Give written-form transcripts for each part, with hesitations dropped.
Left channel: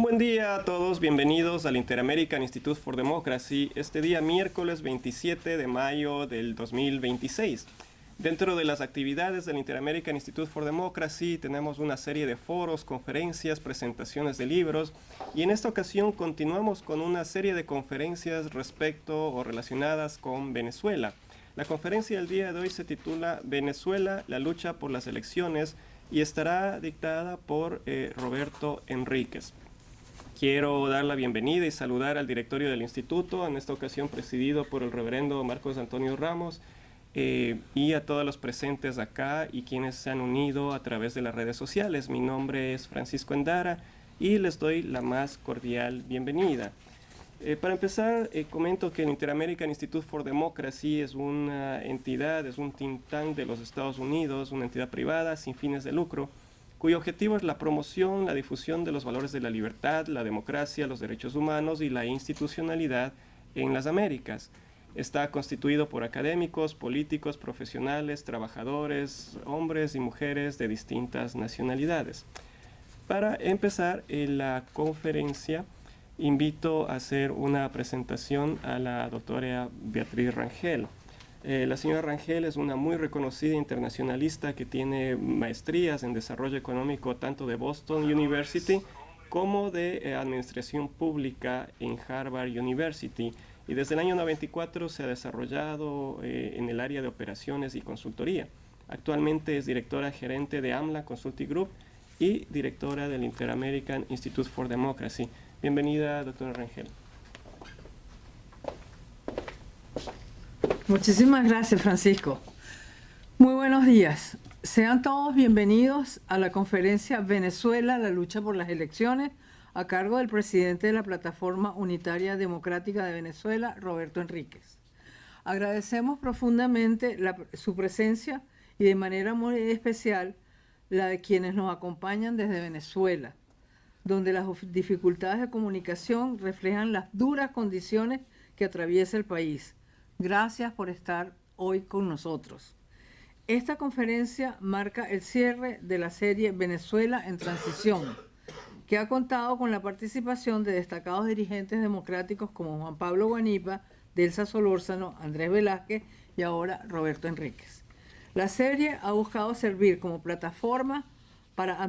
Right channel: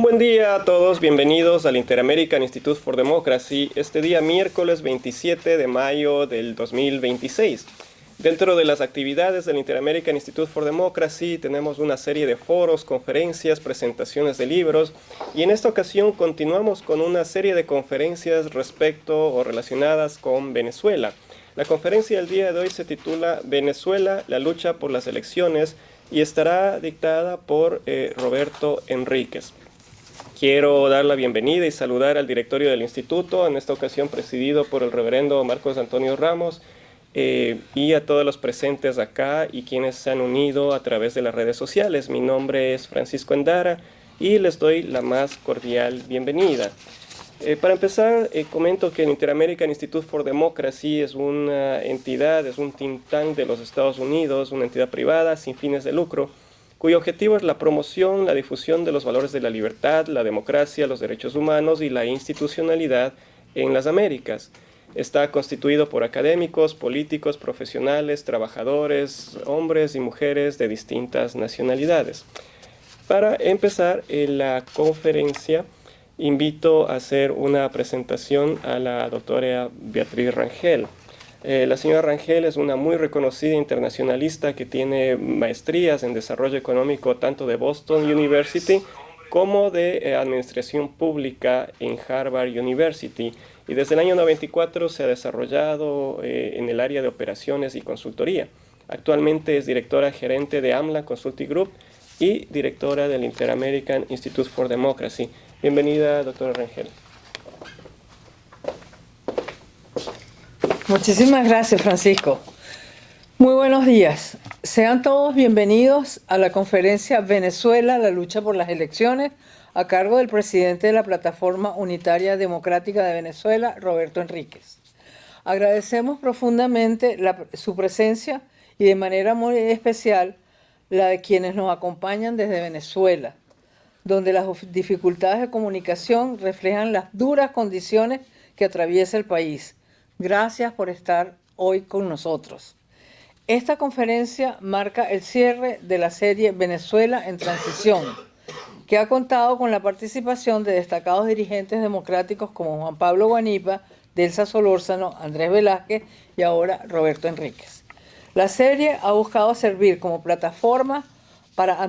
Un buen día a todos, bienvenidos al Inter-American Institute for Democracy, este día miércoles 27 de mayo del 2026. Dentro de las actividades del Inter-American Institute for Democracy tenemos una serie de foros, conferencias, presentaciones de libros y en esta ocasión continuamos con una serie de conferencias respecto o relacionadas con Venezuela. La conferencia del día de hoy se titula Venezuela, la lucha por las elecciones y estará dictada por Roberto Enríquez. Quiero dar la bienvenida y saludar al directorio del instituto, en esta ocasión presidido por el reverendo Marcos Antonio Ramos, y a todos los presentes acá y quienes se han unido a través de las redes sociales. Mi nombre es Francisco Endara y les doy la más cordial bienvenida. Para empezar, comento que el Inter-American Institute for Democracy es una entidad, es un think tank de los Estados Unidos, una entidad privada sin fines de lucro, cuyo objetivo es la promoción, la difusión de los valores de la libertad, la democracia, los derechos humanos y la institucionalidad en las Américas. Está constituido por académicos, políticos, profesionales, trabajadores, hombres y mujeres de distintas nacionalidades. Para empezar la conferencia, invito a hacer una presentación a la doctora Beatriz Rangel. La señora Rangel es una muy reconocida internacionalista que tiene maestrías en desarrollo económico tanto de Boston University como de administración pública en Harvard University y desde el año 94 se ha desarrollado en el área de operaciones y consultoría. Actualmente es directora gerente de AMLA Consulting Group y directora del Inter-American Institute for Democracy. Bienvenida, doctora Rangel. Muchísimas gracias, Francisco. Muy buenos días. Sean todos bienvenidos a la conferencia Venezuela, la lucha por las elecciones, a cargo del presidente de la Plataforma Unitaria Democrática de Venezuela, Roberto Enríquez. Agradecemos profundamente su presencia y de manera muy especial la de quienes nos acompañan desde Venezuela, donde las dificultades de comunicación reflejan las duras condiciones que atraviesa el país. Gracias por estar hoy con nosotros. Esta conferencia marca el cierre de la serie Venezuela en Transición, que ha contado con la participación de destacados dirigentes democráticos como Juan Pablo Guanipa, Delsa Solórzano, Andrés Velázquez y ahora Roberto Enríquez. La serie ha buscado servir como plataforma para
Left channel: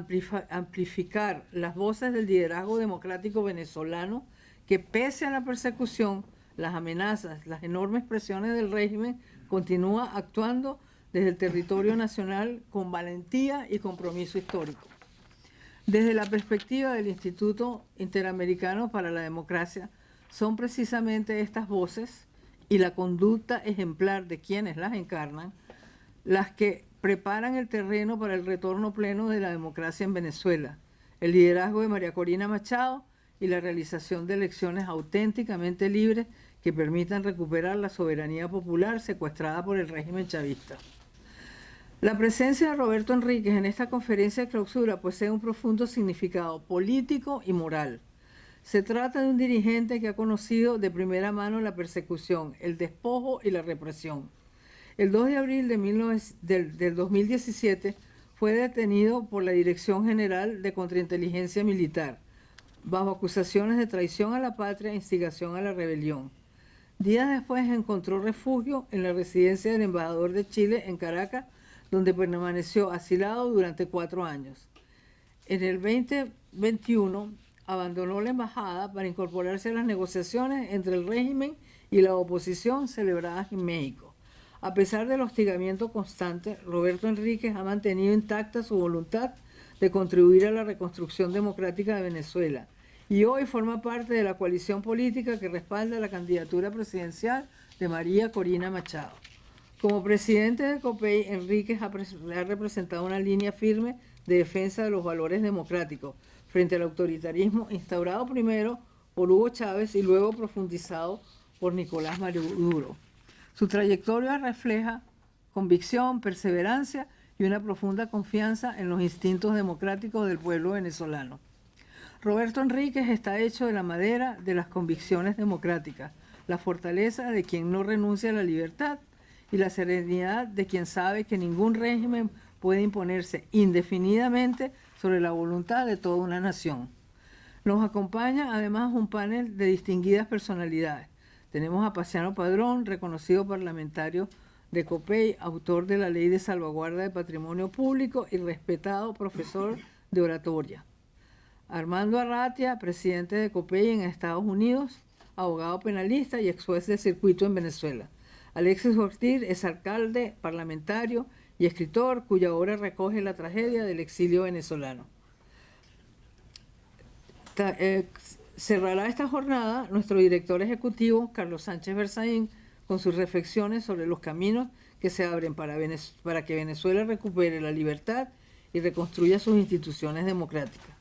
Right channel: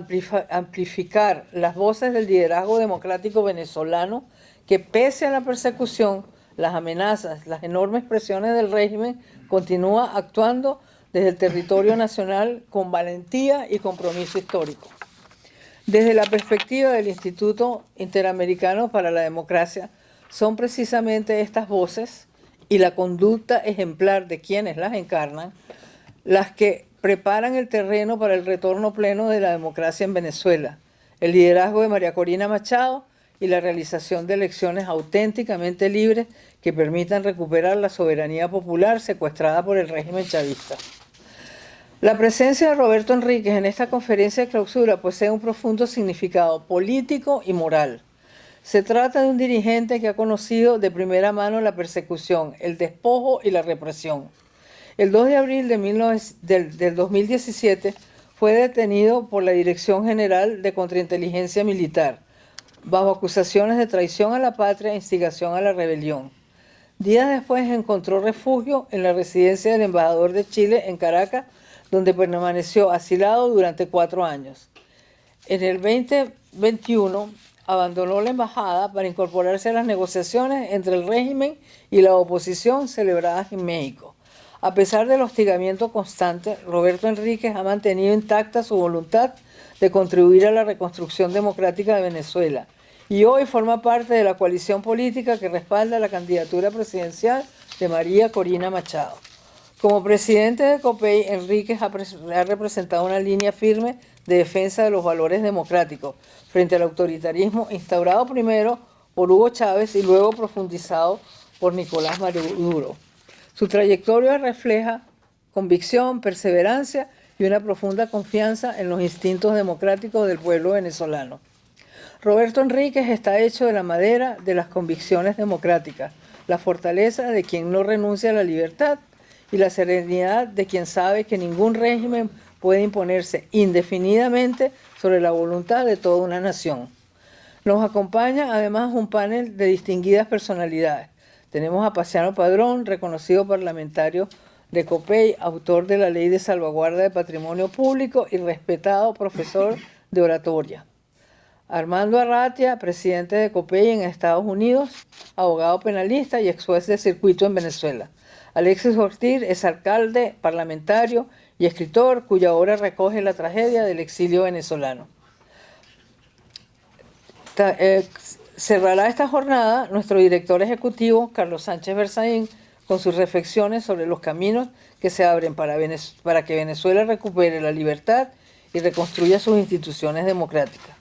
amplificar las voces del liderazgo democrático venezolano que, pese a la persecución, las amenazas, las enormes presiones del régimen, continúa actuando desde el territorio nacional con valentía y compromiso histórico. Desde la perspectiva del Instituto Interamericano para la Democracia, son precisamente estas voces y la conducta ejemplar de quienes las encarnan las que preparan el terreno para el retorno pleno de la democracia en Venezuela, el liderazgo de María Corina Machado y la realización de elecciones auténticamente libres que permitan recuperar la soberanía popular secuestrada por el régimen chavista. La presencia de Roberto Enríquez en esta conferencia de clausura posee un profundo significado político y moral. Se trata de un dirigente que ha conocido de primera mano la persecución, el despojo y la represión. El 2 de abril del 2017 fue detenido por la Dirección General de Contrainteligencia Militar, bajo acusaciones de traición a la patria e instigación a la rebelión. Días después encontró refugio en la residencia del embajador de Chile en Caracas, donde permaneció asilado durante 4 años. En el 2021 abandonó la embajada para incorporarse a las negociaciones entre el régimen y la oposición celebradas en México. A pesar del hostigamiento constante, Roberto Enríquez ha mantenido intacta su voluntad de contribuir a la reconstrucción democrática de Venezuela y hoy forma parte de la coalición política que respalda la candidatura presidencial de María Corina Machado. Como presidente de COPEI, Enríquez ha representado una línea firme de defensa de los valores democráticos frente al autoritarismo instaurado primero por Hugo Chávez y luego profundizado por Nicolás Maduro. Su trayectoria refleja convicción, perseverancia y una profunda confianza en los instintos democráticos del pueblo venezolano. Roberto Enríquez está hecho de la madera de las convicciones democráticas, la fortaleza de quien no renuncia a la libertad y la serenidad de quien sabe que ningún régimen puede imponerse indefinidamente sobre la voluntad de toda una nación. Nos acompaña además un panel de distinguidas personalidades. Tenemos a Paciano Padrón, reconocido parlamentario de COPEI, autor de la Ley de Salvaguarda de Patrimonio Público y respetado profesor de oratoria. Armando Arratia, presidente de COPEI en Estados Unidos, abogado penalista y ex juez de circuito en Venezuela. Alexis Ortiz es alcalde, parlamentario y escritor cuya obra recoge la tragedia del exilio venezolano. Cerrará esta jornada nuestro director ejecutivo, Carlos Sánchez Berzaín, con sus reflexiones sobre los caminos que se abren para que Venezuela recupere la libertad y reconstruya sus instituciones democráticas.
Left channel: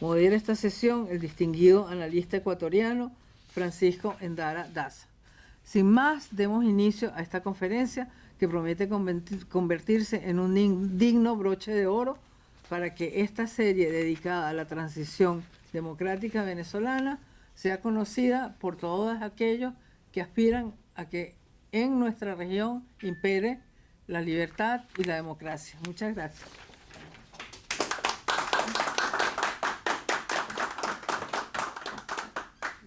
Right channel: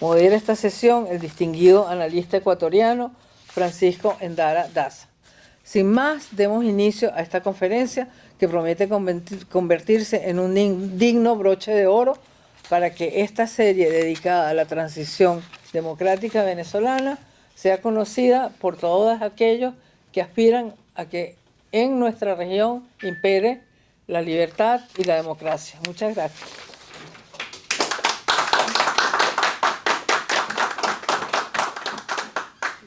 Modera esta sesión el distinguido analista ecuatoriano Francisco Endara Daza. Sin más, demos inicio a esta conferencia que promete convertirse en un digno broche de oro para que esta serie dedicada a la transición democrática venezolana sea conocida por todos aquellos que aspiran a que en nuestra región impere la libertad y la democracia. Muchas gracias.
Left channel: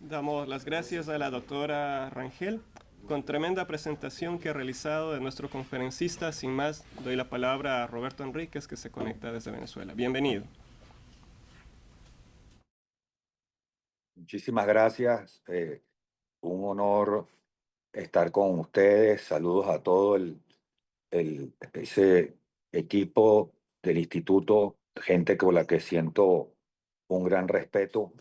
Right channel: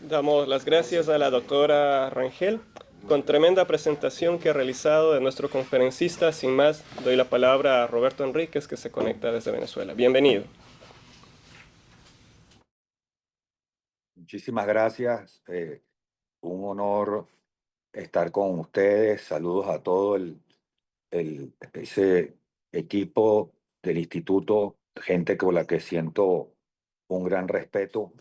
Damos las gracias a la doctora Rangel con tremenda presentación que ha realizado de nuestro conferencista. Sin más, doy la palabra a Roberto Enríquez, que se conecta desde Venezuela. Bienvenido. Muchísimas gracias. Un honor estar con ustedes. Saludos a todo ese equipo del instituto, gente con la que siento un gran respeto.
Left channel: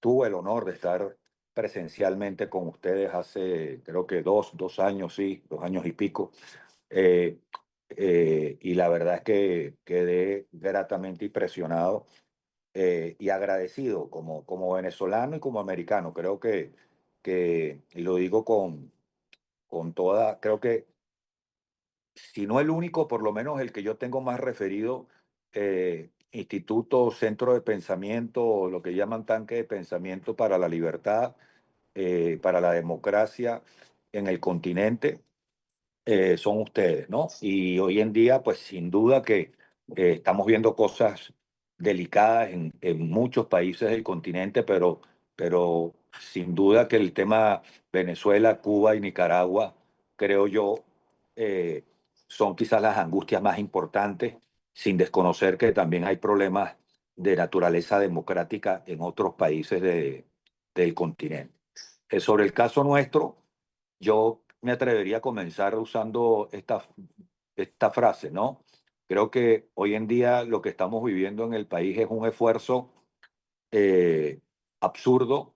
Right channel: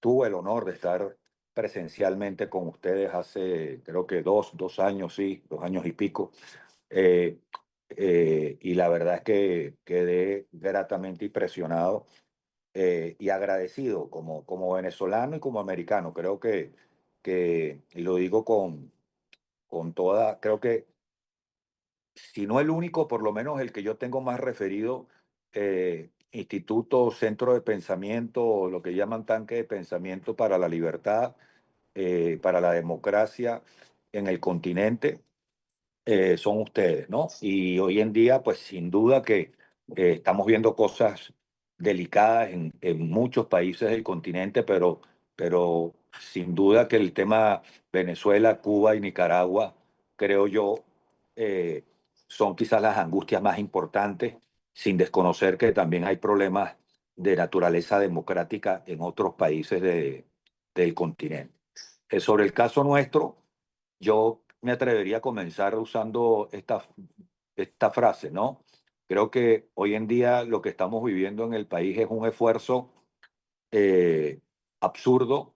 Tuve el honor de estar presencialmente con ustedes hace, creo que dos años, sí, 2 años y pico. Eh, y la verdad es que quedé gratamente impresionado y agradecido como venezolano y como americano. Creo y lo digo con toda, creo que si no el único, por lo menos el que yo tengo más referido, instituto, centro de pensamiento, lo que llaman tanque de pensamiento para la libertad, para la democracia en el continente, son ustedes, ¿no? Y hoy en día, pues sin duda que estamos viendo cosas delicadas en muchos países del continente, pero sin duda que el tema Venezuela, Cuba y Nicaragua, creo yo, eh, son quizás las angustias más importantes, sin desconocer que también hay problemas de naturaleza democrática en otros países del continente. Sobre el caso nuestro, yo me atrevería a comenzar usando esta frase, ¿no? Creo que hoy en día lo que estamos viviendo en el país es un esfuerzo eh, absurdo,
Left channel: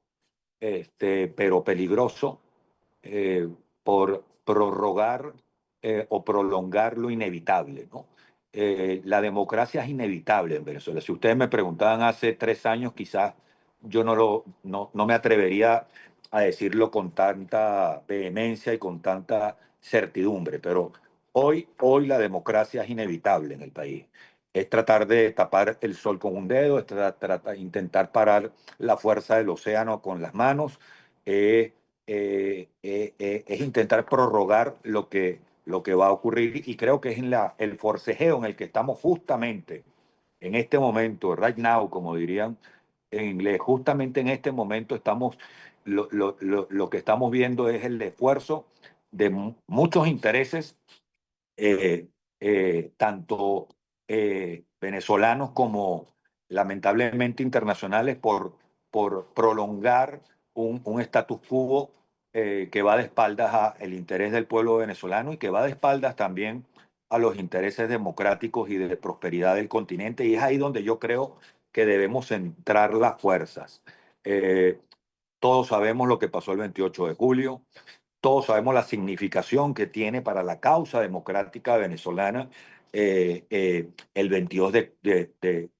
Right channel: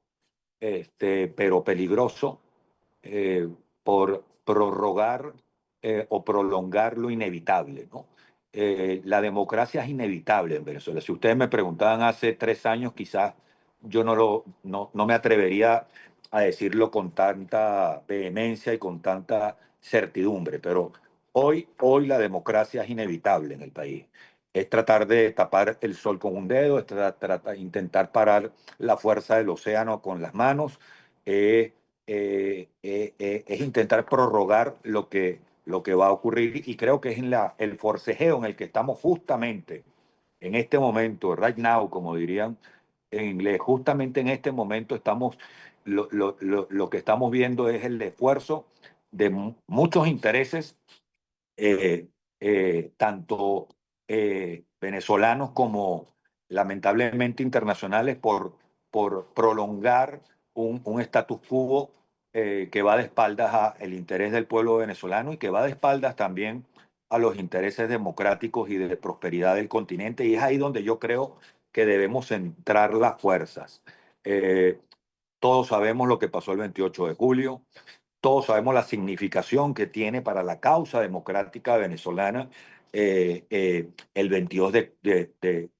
pero peligroso, eh, por prorrogar o prolongar lo inevitable, ¿no? La democracia es inevitable en Venezuela. Si ustedes me preguntaban hace 3 años, quizás yo no me atrevería a decirlo con tanta vehemencia y con tanta certidumbre, pero hoy la democracia es inevitable en el país. Es tratar de tapar el sol con un dedo, es intentar parar la fuerza del océano con las manos, es intentar prorrogar lo que va a ocurrir, y creo que es el forcejeo en el que estamos justamente en este momento, right now, como dirían en inglés, justamente en este momento lo que estamos viendo es el esfuerzo de muchos intereses, eh, tanto venezolanos como lamentablemente internacionales, por prolongar un status quo que va de espaldas al interés del pueblo venezolano y que va de espaldas también a los intereses democráticos y de prosperidad del continente. Y es ahí donde yo creo que debemos centrar las fuerzas. Eh, todos sabemos lo que pasó el 28 de julio. Todos sabemos la significación que tiene para la causa democrática venezolana el 22 de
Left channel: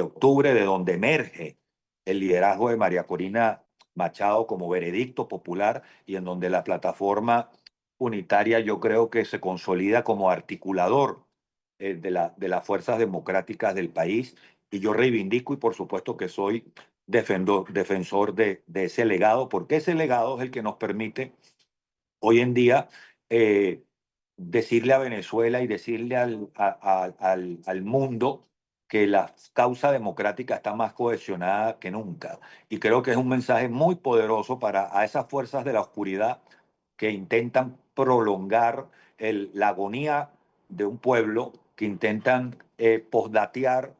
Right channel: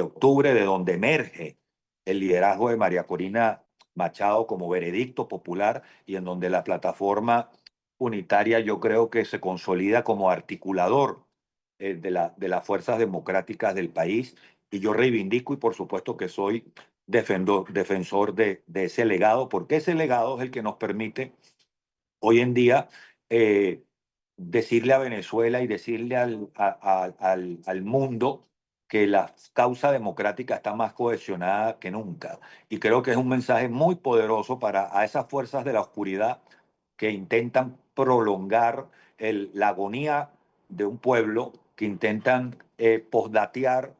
octubre, de donde emerge el liderazgo de María Corina Machado como veredicto popular, y en donde la plataforma unitaria yo creo que se consolida como articulador de las fuerzas democráticas del país. Y yo reivindico, y por supuesto que soy defensor de ese legado, porque ese legado es el que nos permite hoy en día eh, decirle a Venezuela y decirle al mundo que la causa democrática está más cohesionada que nunca. Y creo que es un mensaje muy poderoso para a esas fuerzas de la oscuridad que intentan prolongar la agonía de un pueblo, que intentan posdatear,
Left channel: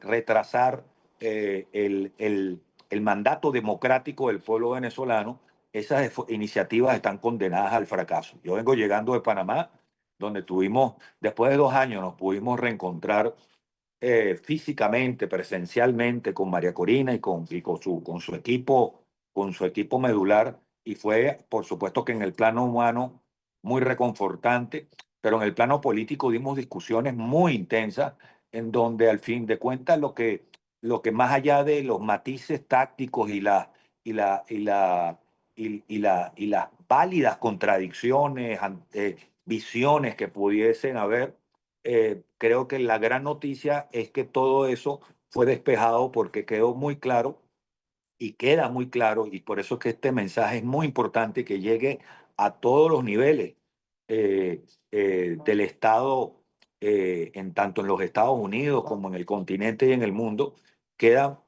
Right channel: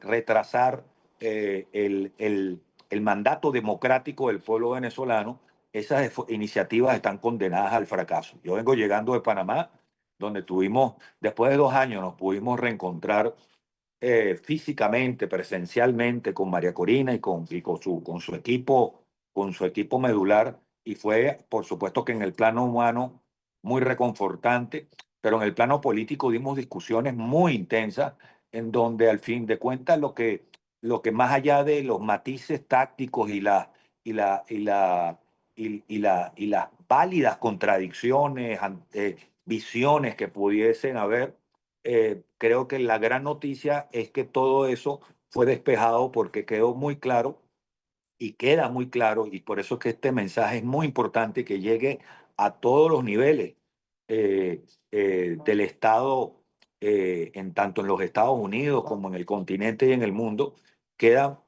retrasar el mandato democrático del pueblo venezolano. Esas iniciativas están condenadas al fracaso. Yo vengo llegando de Panamá, donde tuvimos, después de 2 años, nos pudimos reencontrar físicamente, presencialmente con María Corina con su equipo medular, y fue, por supuesto que en el plano humano muy reconfortante, pero en el plano político dimos discusiones muy intensas en donde al fin de cuentas lo que más allá de los matices tácticos y la, y la, y las válidas contradicciones, visiones que pudiesen haber, creo que la gran noticia es que todo eso fue despejado porque quedó muy claro y queda muy claro, y por eso es que este mensaje es muy importante que llegue a todos los niveles eh, del Estado, en tanto en los Estados Unidos como en el continente y en el mundo. Quedan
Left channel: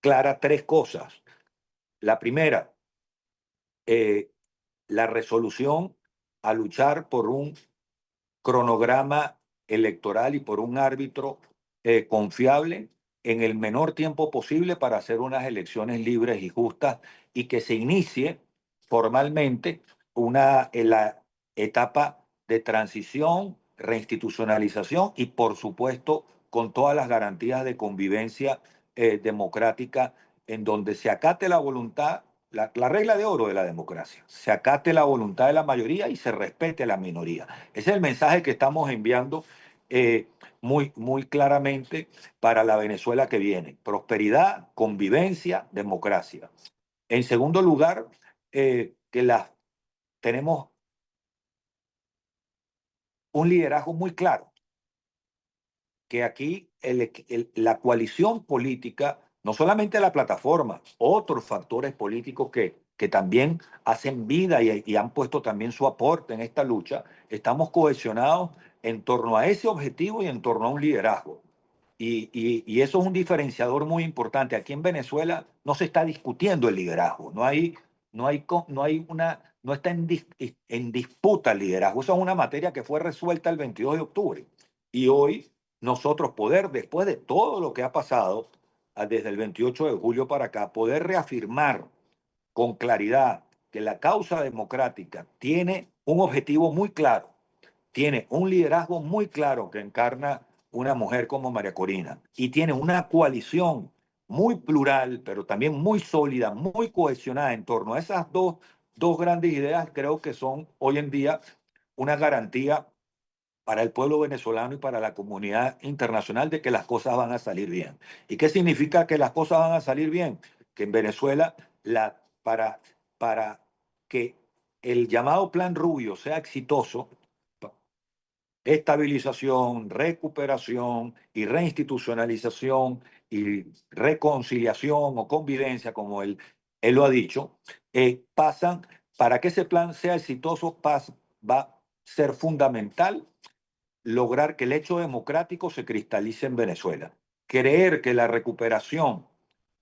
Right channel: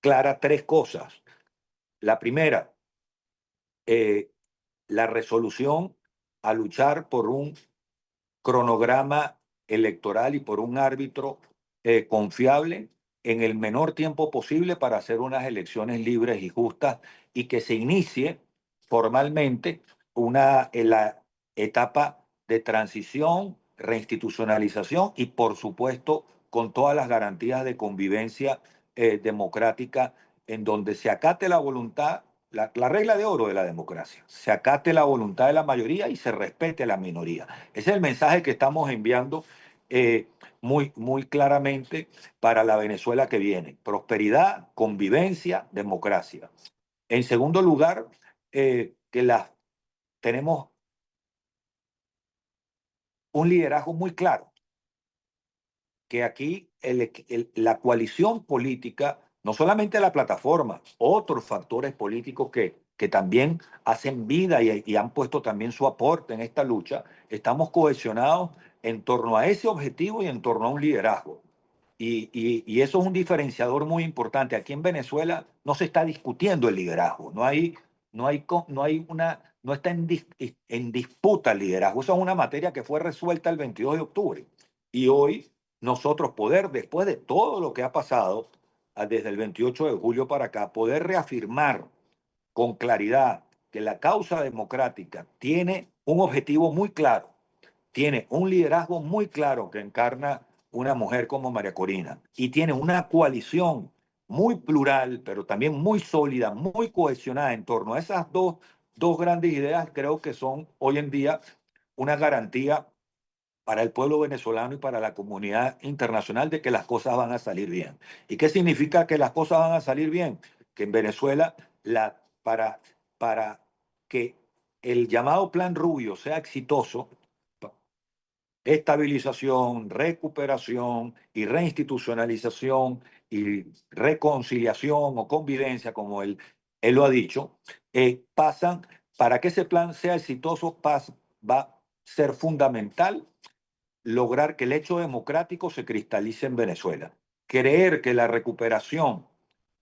claras tres cosas. La primera, eh, la resolución a luchar por un cronograma electoral y por un árbitro confiable en el menor tiempo posible para hacer unas elecciones libres y justas, y que se inicie formalmente en la etapa de transición, reinstitucionalización y por supuesto con todas las garantías de convivencia democrática, en donde se acate la voluntad, la regla de oro de la democracia, se acate la voluntad de la mayoría y se respete a la minoría. Ese es el mensaje que estamos enviando muy claramente para la Venezuela que viene. Prosperidad, convivencia, democracia. En segundo lugar, tenemos un liderazgo muy claro, que aquí la coalición política, no solamente la plataforma, otros factores políticos que también hacen vida y han puesto también su aporte en esta lucha, estamos cohesionados en torno a ese objetivo y en torno a un liderazgo. Y eso es un diferenciador muy importante. Aquí en Venezuela no se está discutiendo el liderazgo, no está en disputa el liderazgo. Eso es una materia que fue resuelta el 22 de octubre. Y hoy nosotros poder, después de todo lo que ha pasado desde el 28 de julio para acá, poder reafirmar con claridad que la causa democrática tiene un objetivo muy claro, tiene un liderazgo muy claro que encarna una mujer como María Corina, y tiene una coalición muy plural, pero también muy sólida, muy cohesionada en torno a esas dos grandes ideas. Creo que son hoy en día una garantía para el pueblo venezolano y para la comunidad internacional de que las cosas van a salir bien. ¿Y qué significa que las cosas van a salir bien? Que en Venezuela, para que el llamado Plan Rubio sea exitoso, estabilización, recuperación y reinstitucionalización y reconciliación o convivencia, como él lo ha dicho, pasan, para que ese plan sea exitoso, va a ser fundamental lograr que el hecho democrático se cristalice en Venezuela. Creer que la recuperación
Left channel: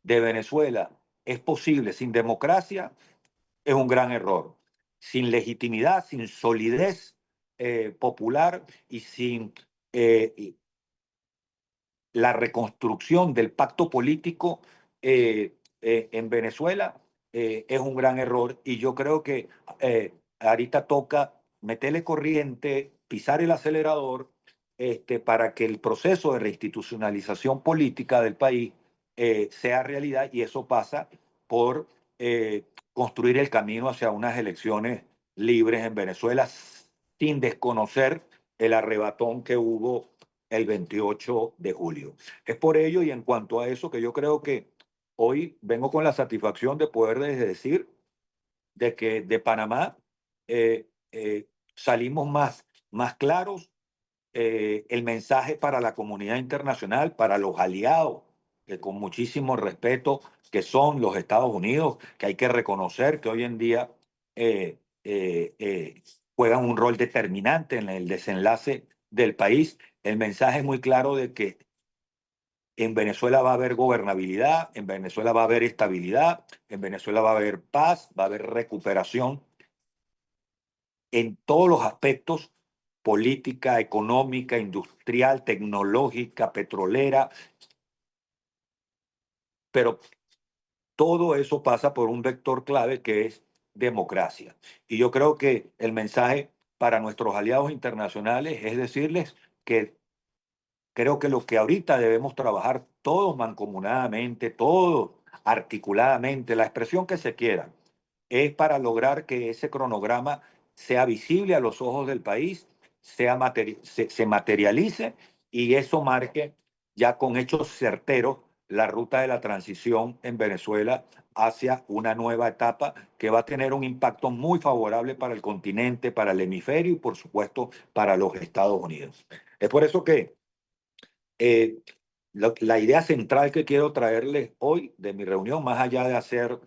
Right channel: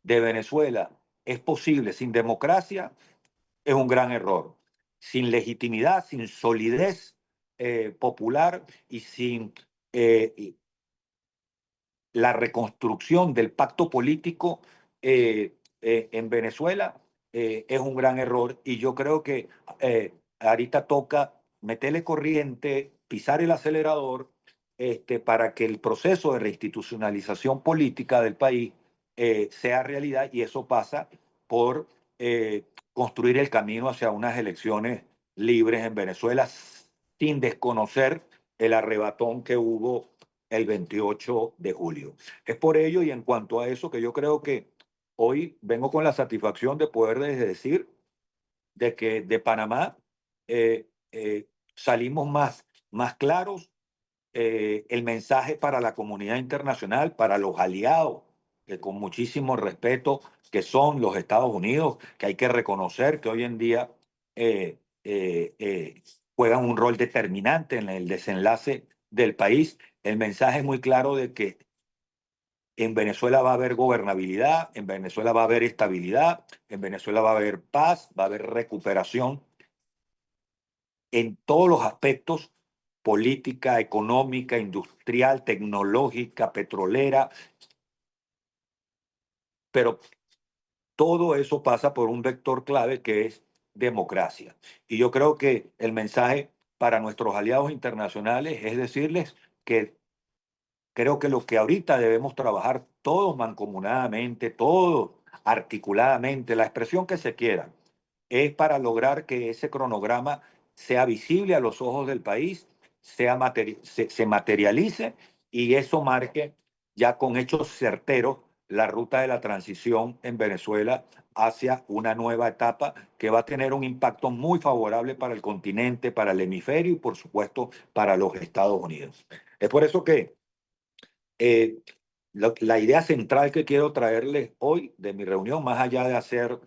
de Venezuela es posible sin democracia es un gran error. Sin legitimidad, sin solidez popular y sin eh, la reconstrucción del pacto político en Venezuela, es un gran error. Y yo creo que ahorita toca meterle corriente, pisar el acelerador, para que el proceso de reinstitucionalización política del país sea realidad, y eso pasa por construir el camino hacia unas elecciones libres en Venezuela sin desconocer el arrebatón que hubo el 28 de julio. Es por ello y en cuanto a eso que yo creo que hoy vengo con la satisfacción de poder decir de que de Panamá salimos más claros. El mensaje para la comunidad internacional, para los aliados, que con muchísimo respeto, que son los Estados Unidos, que hay que reconocer que hoy en día eh, juegan un rol determinante en el desenlace del país. El mensaje es muy claro de que En Venezuela va a haber gobernabilidad, en Venezuela va a haber estabilidad, en Venezuela va a haber paz, va a haber recuperación en todos los aspectos: política, económica, industrial, tecnológica, petrolera, pero todo eso pasa por un vector clave que es democracia. Y yo creo que el mensaje para nuestros aliados internacionales es decirles que creo que lo que ahorita debemos trabajar todos mancomunadamente, todos articuladamente, la expresión que se quiera, es para lograr que ese cronograma sea visible a los ojos del país, se materialice y eso marque ya con hechos certeros la ruta de la transición en Venezuela hacia una nueva etapa que va a tener un impacto muy favorable para el continente, para el hemisferio y por supuesto para los Estados Unidos. Es por eso que eh, la idea central que quiero traerles hoy de mi reunión, más allá de hacer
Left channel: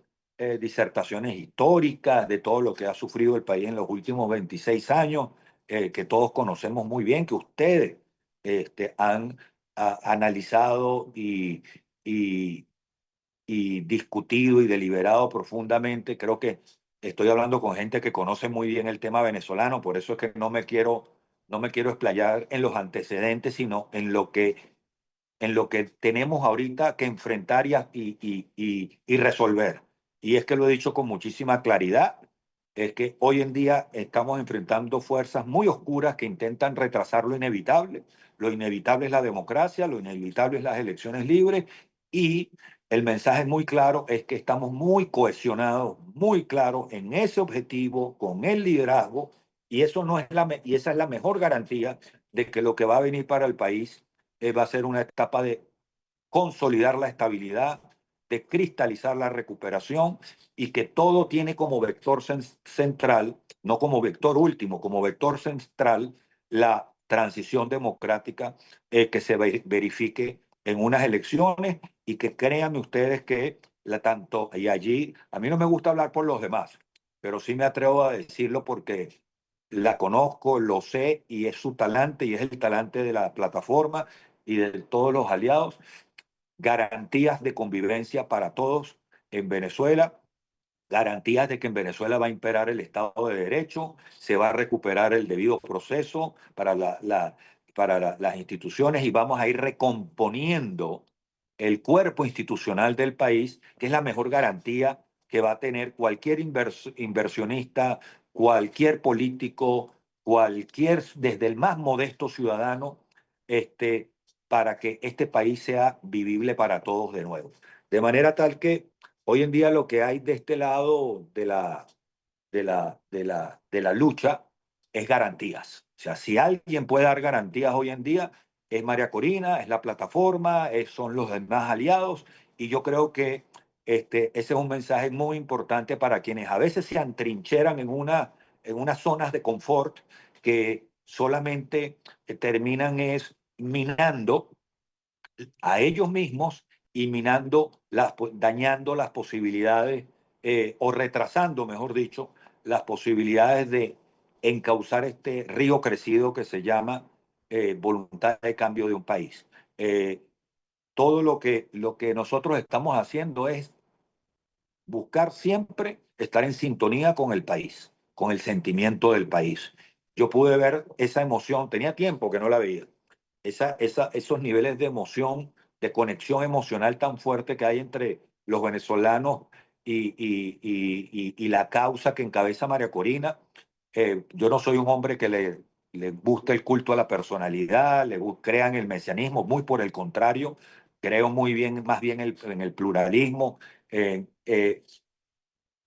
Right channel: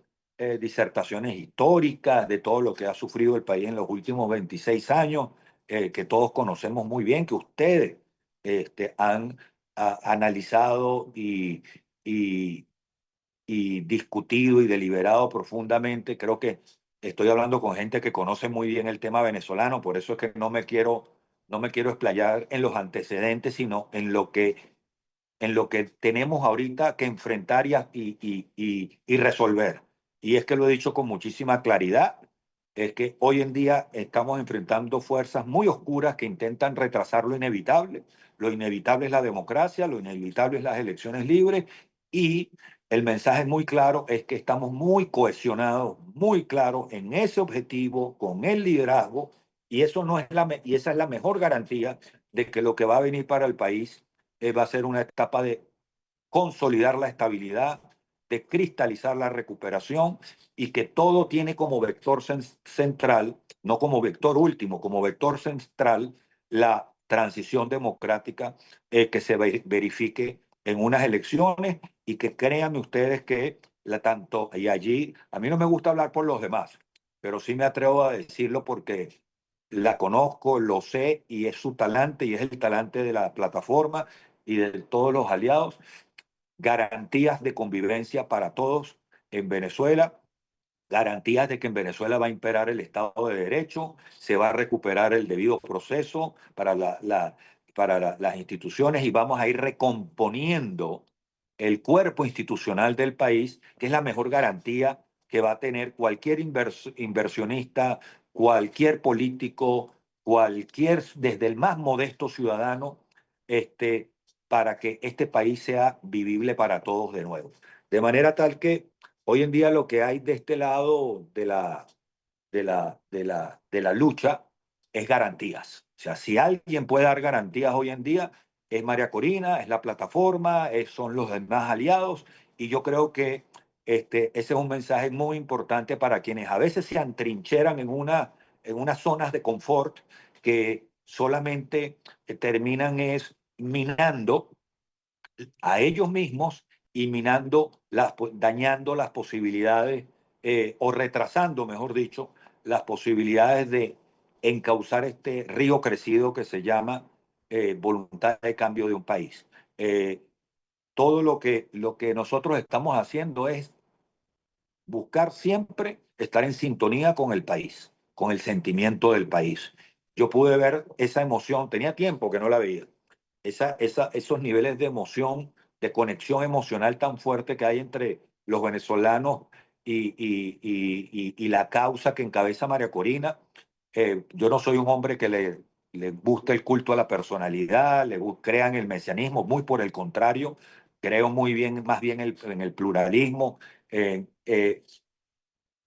disertaciones históricas de todo lo que ha sufrido el país en los últimos 26 años, que todos conocemos muy bien, que ustedes han analizado y, y discutido y deliberado profundamente. Creo que estoy hablando con gente que conoce muy bien el tema venezolano, por eso es que no me quiero explayar en los antecedentes, sino en lo que tenemos ahorita que enfrentar y resolver. Y es que lo he dicho con muchísima claridad, es que hoy en día estamos enfrentando fuerzas muy oscuras que intentan retrasar lo inevitable. Lo inevitable es la democracia, lo inevitable es las elecciones libres y el mensaje muy claro es que estamos muy cohesionados, muy claros en ese objetivo, con el liderazgo, y, eso no es y esa es la mejor garantía de que lo que va a venir para el país va a ser una etapa de consolidar la estabilidad, de cristalizar la recuperación y que todo tiene como vector central, no como vector último, como vector central, la transición democrática que se verifique en unas elecciones y que créanme ustedes que tanto, y allí, a mí no me gusta hablar por los demás, pero sí me atrevo a decirlo porque la conozco, lo sé y es su talante y es el talante de la plataforma y de todos los aliados, garantías de convivencia para todos en Venezuela, garantías de que en Venezuela va a imperar el Estado de Derecho, se va a recuperar el debido proceso para, las instituciones y vamos a ir recomponiendo el cuerpo institucional del país, que es la mejor garantía que va a tener cualquier inversionista, cualquier político, cualquier, desde el más modesto ciudadano, este, para que este país sea vivible para todos de nuevo. De manera tal que hoy en día lo que hay de este lado de la lucha es garantías. O sea, si alguien puede dar garantías hoy en día, es María Corina, es la plataforma, son los demás aliados, y yo creo que ese es un mensaje muy importante para quienes a veces se atrincheran en unas zonas de confort que solamente terminan es minando a ellos mismos y dañando las posibilidades o retrasando, mejor dicho, las posibilidades de encauzar este río crecido que se llama voluntad de cambio de un país. Eh, Todo lo que nosotros estamos haciendo es buscar siempre estar en sintonía con el país, con el sentimiento del país. Yo pude ver esa emoción, tenía tiempo que no la veía, esos niveles de emoción, de conexión emocional tan fuerte que hay entre los venezolanos y la causa que encabeza María Corina. Yo no soy un hombre que le guste el culto a la personalidad, crea en el mesianismo, muy por el contrario, creo muy bien, más bien en el pluralismo.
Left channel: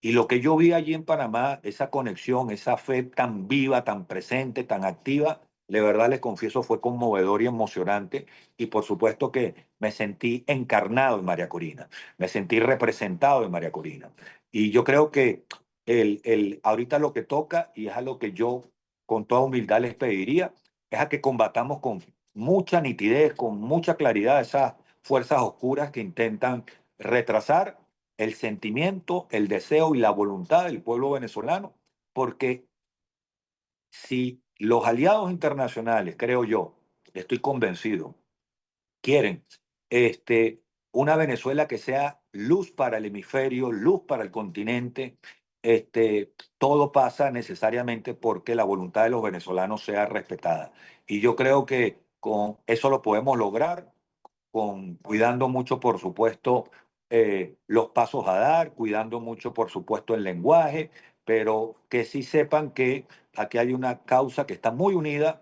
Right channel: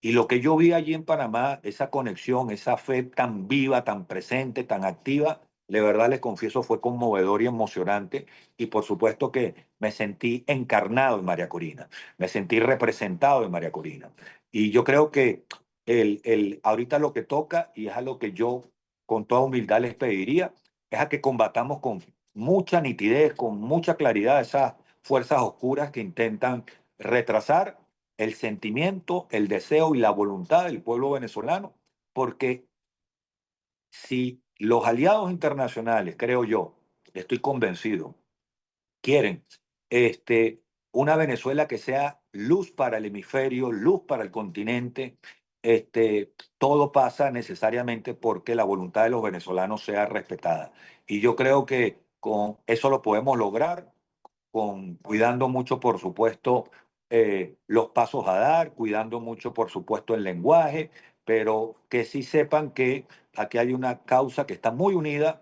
Y lo que yo vi allí en Panamá, esa conexión, esa fe tan viva, tan presente, tan activa, de verdad les confieso fue conmovedor y emocionante. Y por supuesto que me sentí encarnado en María Corina, me sentí representado en María Corina. Y yo creo que ahorita lo que toca, y es a lo que yo con toda humildad les pediría, es a que combatamos con mucha nitidez, con mucha claridad esas fuerzas oscuras que intentan retrasar el sentimiento, el deseo y la voluntad del pueblo venezolano, porque si los aliados internacionales, creo yo, estoy convencido, quieren este, una Venezuela que sea luz para el hemisferio, luz para el continente. Todo pasa necesariamente porque la voluntad de los venezolanos sea respetada. Y yo creo que con eso lo podemos lograr cuidando mucho, por supuesto, los pasos a dar, cuidando mucho, por supuesto, el lenguaje, pero que sí sepan que aquí hay una causa que está muy unida,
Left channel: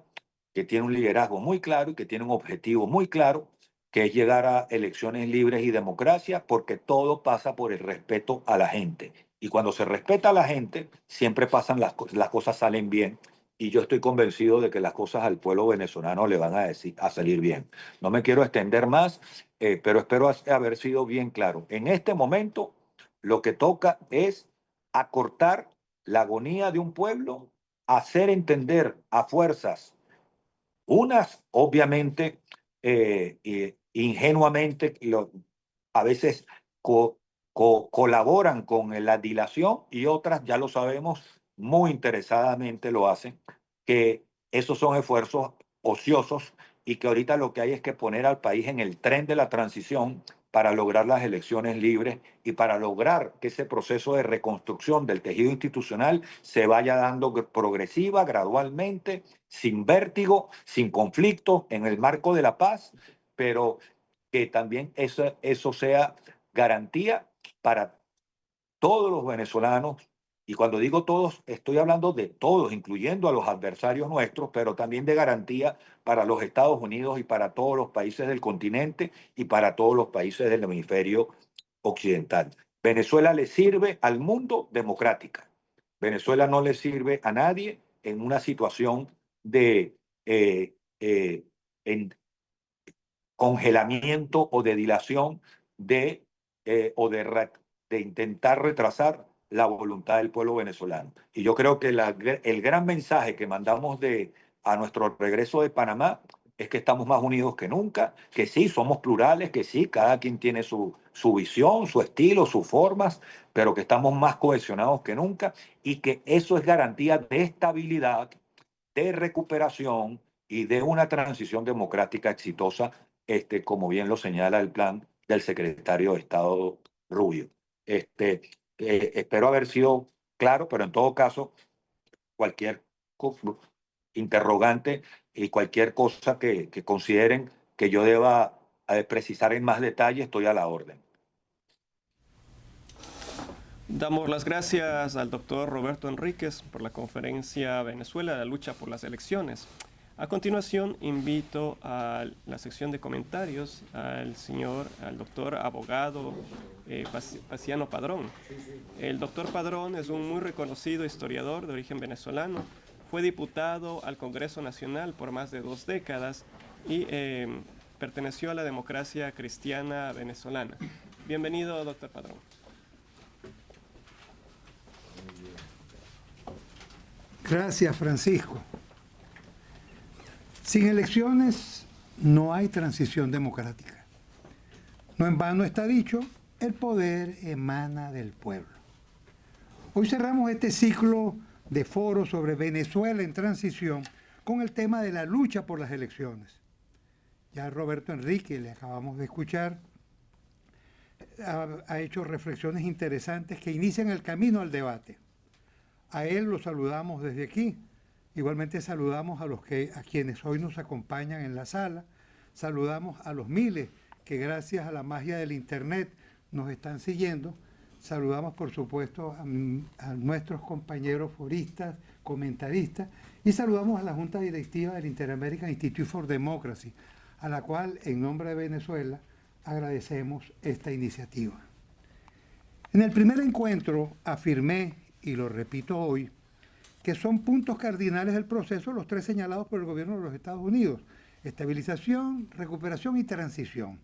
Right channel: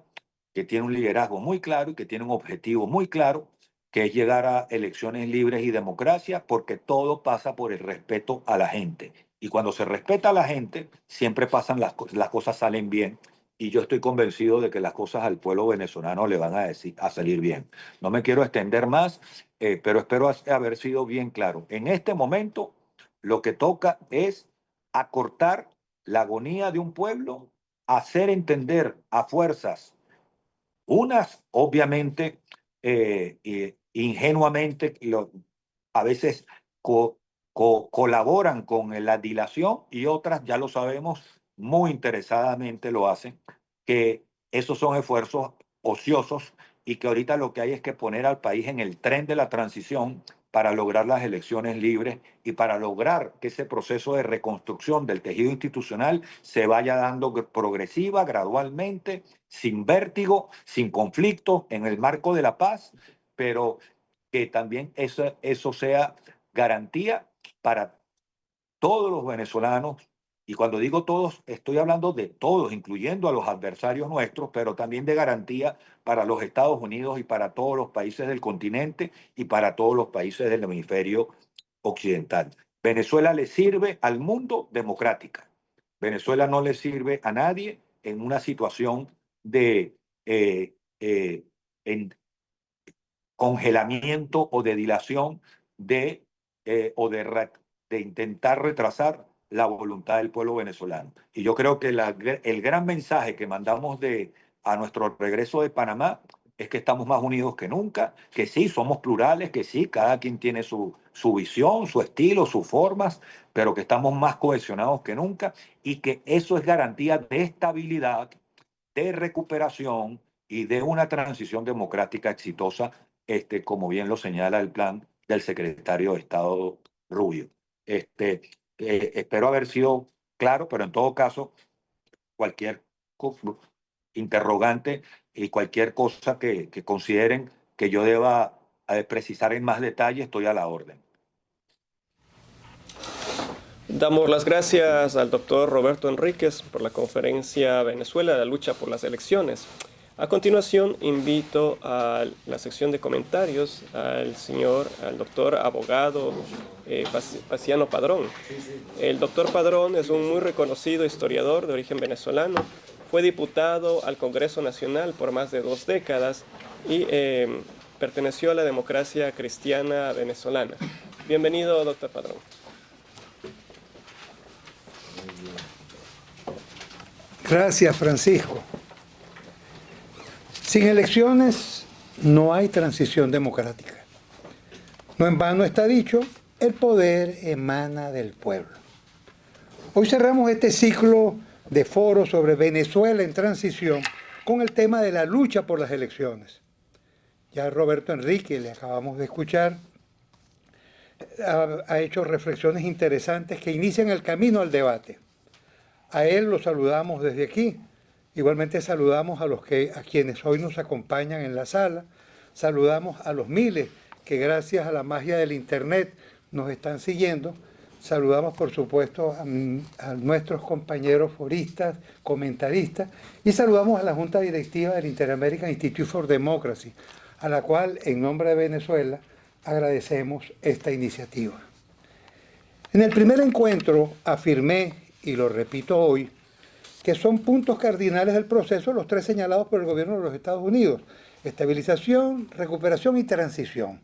que tiene un liderazgo muy claro y que tiene un objetivo muy claro, que es llegar a elecciones libres y democracia, porque todo pasa por el respeto a la gente. Y cuando se respeta a la gente, siempre pasan las cosas salen bien. Y yo estoy convencido de que las cosas al pueblo venezolano le van a salir bien. No me quiero extender más, pero espero haber sido bien claro. En este momento, lo que toca es acortar la agonía de un pueblo, hacer entender a fuerzas, unas obviamente ingenuamente, a veces colaboran con la dilación y otras, ya lo sabemos, muy interesadamente lo hacen, que esos son esfuerzos ociosos y que ahorita lo que hay es que poner al país en el tren de la transición para lograr las elecciones libres y para lograr que ese proceso de reconstrucción del tejido institucional se vaya dando progresiva, gradualmente, sin vértigo, sin conflicto, en el marco de la paz, pero que también eso sea garantía para todos los venezolanos, y cuando digo todos, estoy hablando de todos, incluyendo a los adversarios nuestros, pero también de garantía para los Estados Unidos y para todos los países del continente y para todos los países del hemisferio occidental. Venezuela le sirve al mundo democrática. Venezuela no le sirve a nadie en una situación de en congelamiento o de dilación de, o de intentar retrasar la voluntad del pueblo venezolano. Y yo creo que el gran mensaje que mandamos a nuestro regreso de Panamá es que estamos más unidos que nunca, que sí, somos plurales, que sí, cada quien tiene su visión, su estilo, sus formas, pero que estamos más cohesionados que nunca y que eso es garantía de estabilidad, de recuperación y de una transición democrática exitosa, como bien lo señala el plan del secretario de Estado Rubio. Espero haber sido claro, pero en todo caso, cualquier interrogante y cualquier cosa que consideren que yo deba precisar en más detalle, estoy a la orden. Damos las gracias al doctor Roberto Enríquez por la conferencia Venezuela, la lucha por las elecciones. A continuación, invito a la sección de comentarios al doctor abogado Paciano Padrón. El doctor Padrón es un muy reconocido historiador de origen venezolano. Fue diputado al Congreso Nacional por más de 2 décadas y perteneció a la democracia cristiana venezolana. Bienvenido, doctor Padrón. Gracias, Francisco. Sin elecciones no hay transición democrática. No en vano está dicho, el poder emana del pueblo. Hoy cerramos este ciclo de foros sobre Venezuela en transición con el tema de la lucha por las elecciones. Ya Roberto Enrique, le acabamos de escuchar, ha hecho reflexiones interesantes que inician el camino al debate. A él lo saludamos desde aquí. Igualmente saludamos a quienes hoy nos acompañan en la sala. Saludamos a los miles que gracias a la magia del Internet nos están siguiendo. Saludamos, por supuesto, a nuestros compañeros foristas, comentaristas, y saludamos a la Junta Directiva del Inter-American Institute for Democracy, a la cual, en nombre de Venezuela, agradecemos esta iniciativa. En el primer encuentro afirmé, y lo repito hoy, que son puntos cardinales del proceso los 3 señalados por el gobierno de los Estados Unidos: estabilización, recuperación y transición.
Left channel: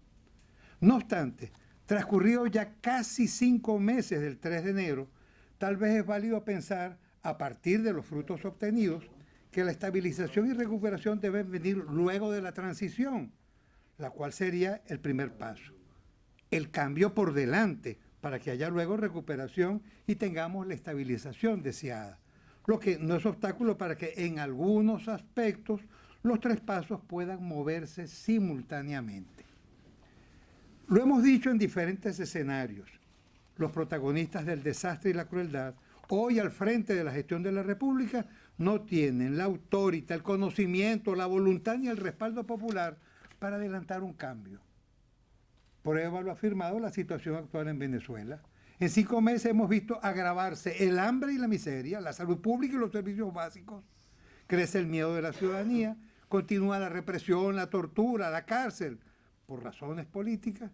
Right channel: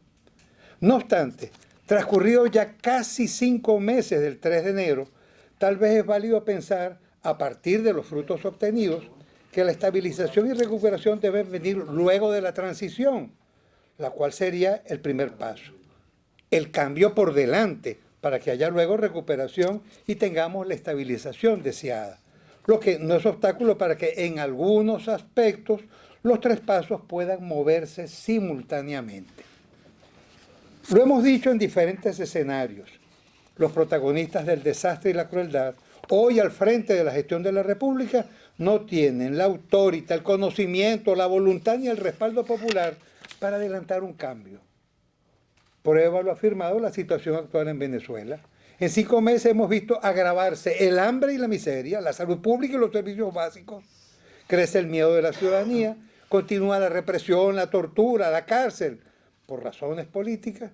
No obstante, transcurrido ya casi 5 meses del 3 de enero, tal vez es válido pensar, a partir de los frutos obtenidos, que la estabilización y recuperación deben venir luego de la transición, la cual sería el primer paso. El cambio por delante, para que haya luego recuperación y tengamos la estabilización deseada, lo que no es obstáculo para que en algunos aspectos los 3 pasos puedan moverse simultáneamente. Lo hemos dicho en diferentes escenarios. Los protagonistas del desastre y la crueldad, hoy al frente de la gestión de la República, no tienen la autoridad, el conocimiento, la voluntad ni el respaldo popular para adelantar un cambio. Prueba lo ha afirmado la situación actual en Venezuela. En 5 meses hemos visto agravarse el hambre y la miseria, la salud pública y los servicios básicos. Crece el miedo de la ciudadanía, continúa la represión, la tortura, la cárcel, por razones políticas.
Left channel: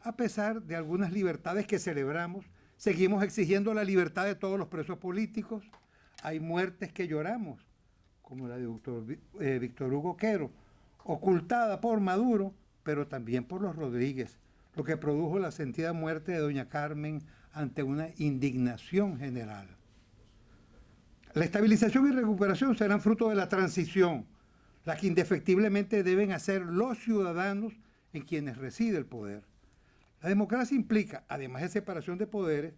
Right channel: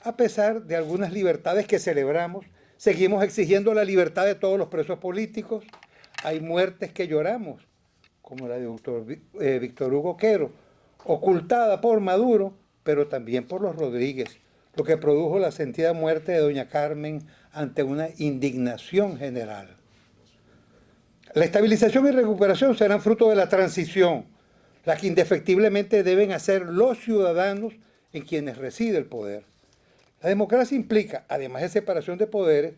A pesar de algunas libertades que celebramos, seguimos exigiendo la libertad de todos los presos políticos. Hay muertes que lloramos, como la de Víctor Hugo Quero, ocultada por Maduro, pero también por los Rodríguez, lo que produjo la sentida muerte de doña Carmen ante una indignación general. La estabilización y recuperación serán fruto de la transición, la que indefectiblemente deben hacer los ciudadanos en quienes reside el poder. La democracia implica, además de separación de poderes,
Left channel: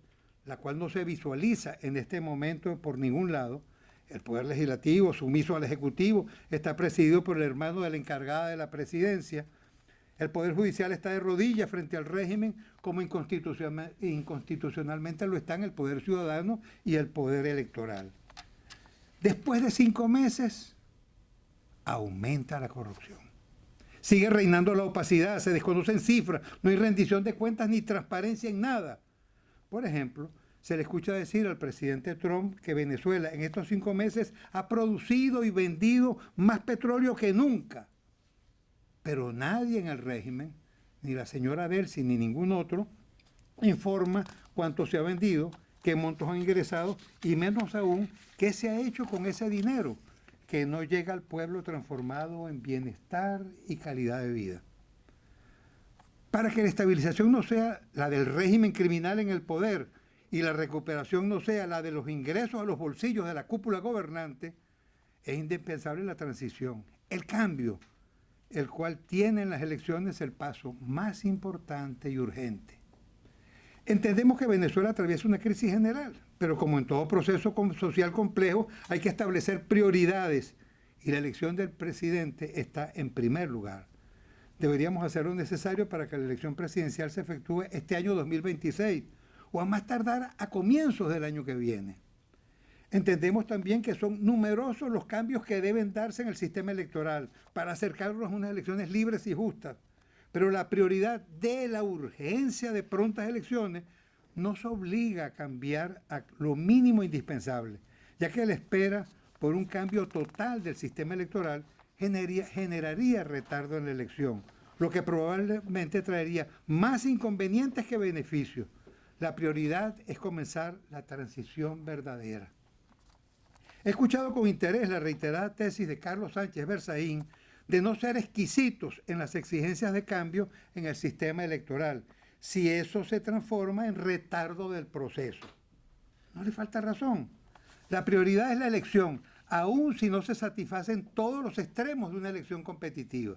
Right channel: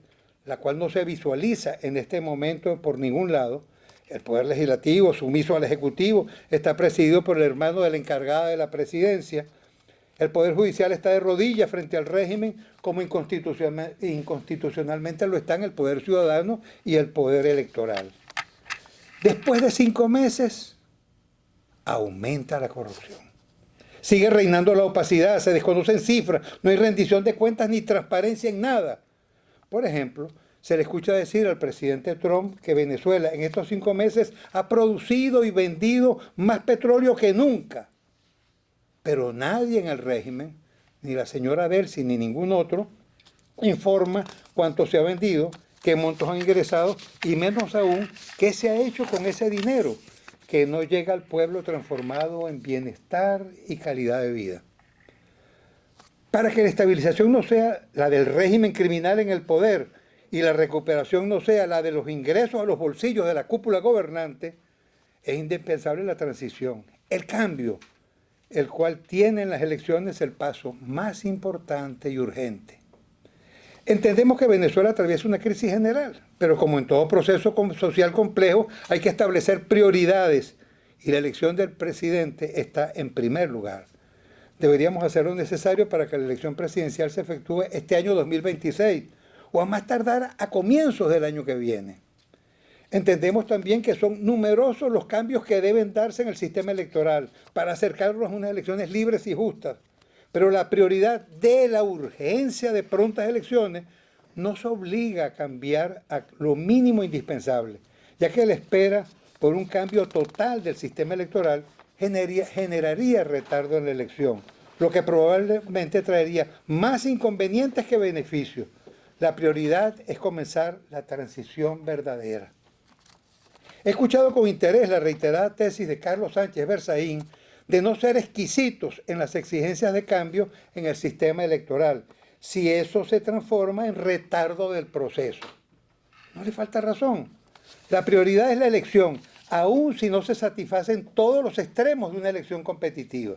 la cual no se visualiza en este momento por ningún lado. El poder legislativo, sumiso al ejecutivo, está presidido por el hermano de la encargada de la presidencia. El poder judicial está de rodillas frente al régimen, como inconstitucionalmente lo están el poder ciudadano y el poder electoral. Después de 5 meses, aumenta la corrupción. Sigue reinando la opacidad, se desconocen cifras, no hay rendición de cuentas ni transparencia en nada. Por ejemplo, se le escucha decir al presidente Trump que Venezuela en estos 5 meses ha producido y vendido más petróleo que nunca. Pero nadie en el régimen, ni la señora Delcy ni ningún otro, informa cuánto se ha vendido, qué montos han ingresado y menos aún qué se ha hecho con ese dinero que no llega al pueblo transformado en bienestar y calidad de vida. Para que la estabilización no sea la del régimen criminal en el poder y la recuperación no sea la de los ingresos a los bolsillos de la cúpula gobernante, es indispensable la transición, el cambio, el cual tiene en las elecciones el paso más importante y urgente. Entendemos que Venezuela atraviesa una crisis general, pero como en todo proceso social complejo, hay que establecer prioridades y la elección del presidente está en primer lugar. Deberíamos hacer lo necesario para que la elección presidencial se efectúe este año 2026 o a más tardar a comienzos del año que viene. Entendemos también que son numerosos los cambios que deben darse en el sistema electoral para acercarnos a unas elecciones libres y justas. Pero la prioridad de la urgencia de prontas elecciones nos obliga a cambiar a lo mínimo indispensable, ya que la espera por un cambio total del sistema electoral generaría retardo en la elección, lo que probablemente traería más inconvenientes que beneficios. La prioridad es comenzar la transición verdadera. He escuchado con interés la reiterada tesis de Carlos Sánchez Berzaín de no ser exquisitos en las exigencias de cambio en el sistema electoral, si eso se transforma en retardo del proceso. No le falta razón. La prioridad es la elección, aun si no se satisfacen todos los extremos de una elección competitiva.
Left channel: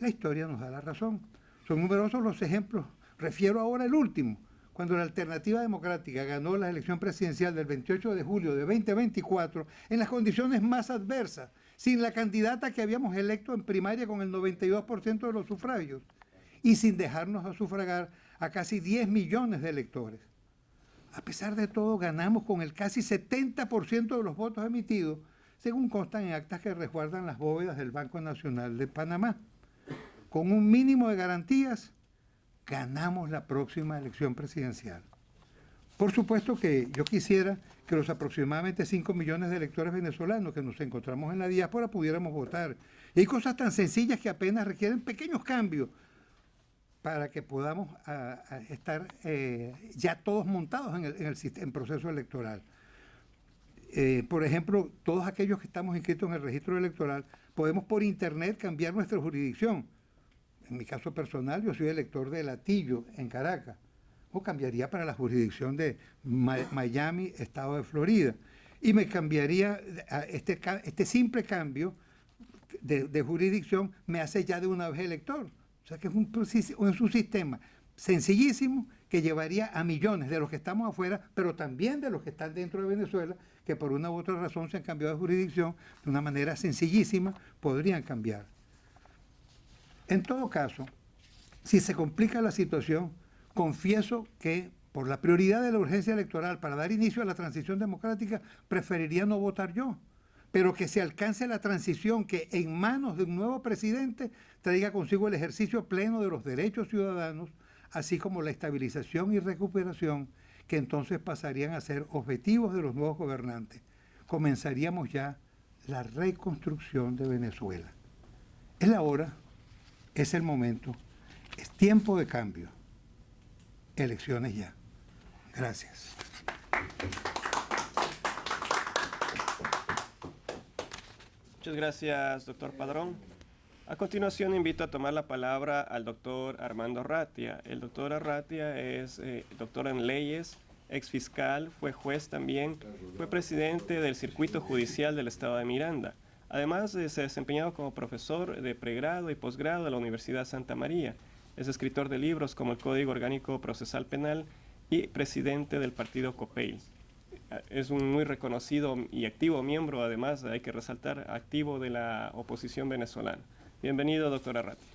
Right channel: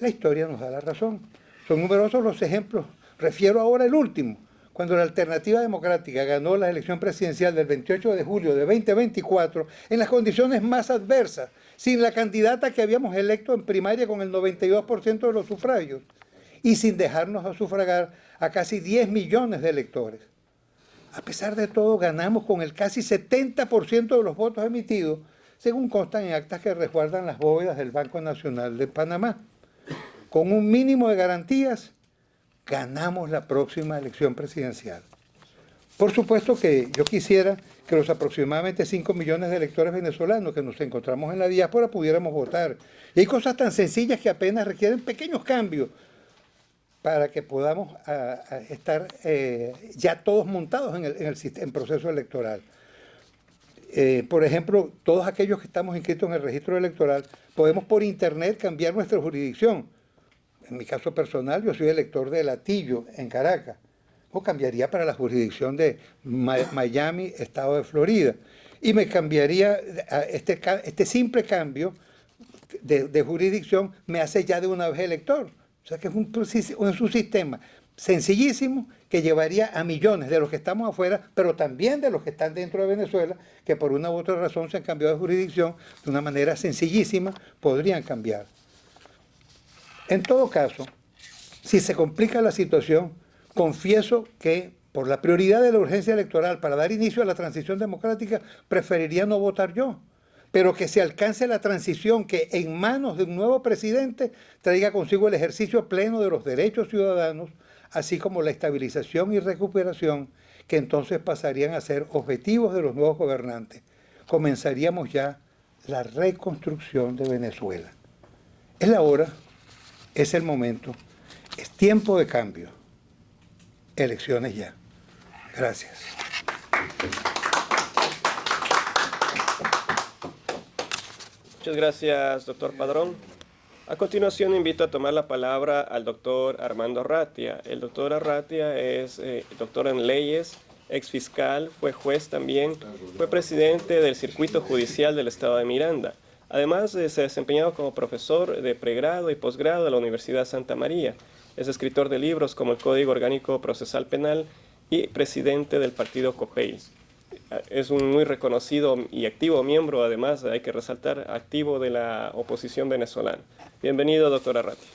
La historia nos da la razón. Son numerosos los ejemplos. Refiero ahora al último, cuando la Alternativa Democrática ganó la elección presidencial del 28 de julio de 2024 en las condiciones más adversas, sin la candidata que habíamos electo en primaria con el 92% de los sufragios y sin dejarnos a sufragar a casi 10 millones de electores. A pesar de todo, ganamos con el casi 70% de los votos emitidos, según constan en actas que resguardan las bóvedas del Banco Nacional de Panamá. Con un mínimo de garantías, ganamos la próxima elección presidencial. Por supuesto que yo quisiera que los aproximadamente 5 millones de electores venezolanos que nos encontramos en la diáspora pudiéramos votar. Y hay cosas tan sencillas que apenas requieren pequeños cambios para que podamos estar ya todos montados en el proceso electoral. Por ejemplo, todos aquellos que estamos inscritos en el registro electoral, podemos por internet cambiar nuestra jurisdicción. En mi caso personal, yo soy elector de Latillo, en Caracas, o cambiaría para la jurisdicción de Miami, estado de Florida. Y me cambiaría, este simple cambio de jurisdicción me hace ya de una vez elector. O sea que es un sistema sencillísimo que llevaría a millones de los que estamos afuera, pero también de los que están dentro de Venezuela, que por una u otra razón se han cambiado de jurisdicción de una manera sencillísima, podrían cambiar. En todo caso, Si se complica la situación, confieso que por la prioridad de la urgencia electoral para dar inicio a la transición democrática, preferiría no votar yo. Pero que se alcance la transición que en manos de un nuevo presidente traiga consigo el ejercicio pleno de los derechos ciudadanos, así como la estabilización y recuperación que entonces pasarían a ser objetivos de los nuevos gobernantes. Comenzaríamos ya la reconstrucción de Venezuela. Es la hora, es el momento, es tiempo de cambio. Elecciones ya. Gracias. Muchas gracias, doctor Padrón. A continuación invito a tomar la palabra al doctor Armando Arratia. El doctor Arratia es doctor en leyes, ex fiscal, fue juez también, fue presidente del Circuito Judicial del Estado de Miranda. Además, se ha desempeñado como profesor de pregrado y posgrado de la Universidad Santa María. Es escritor de libros como el Código Orgánico Procesal Penal y presidente del partido COPEI. Es un muy reconocido y activo miembro, además, hay que resaltar, activo de la oposición venezolana. Bienvenido, doctor Arratia.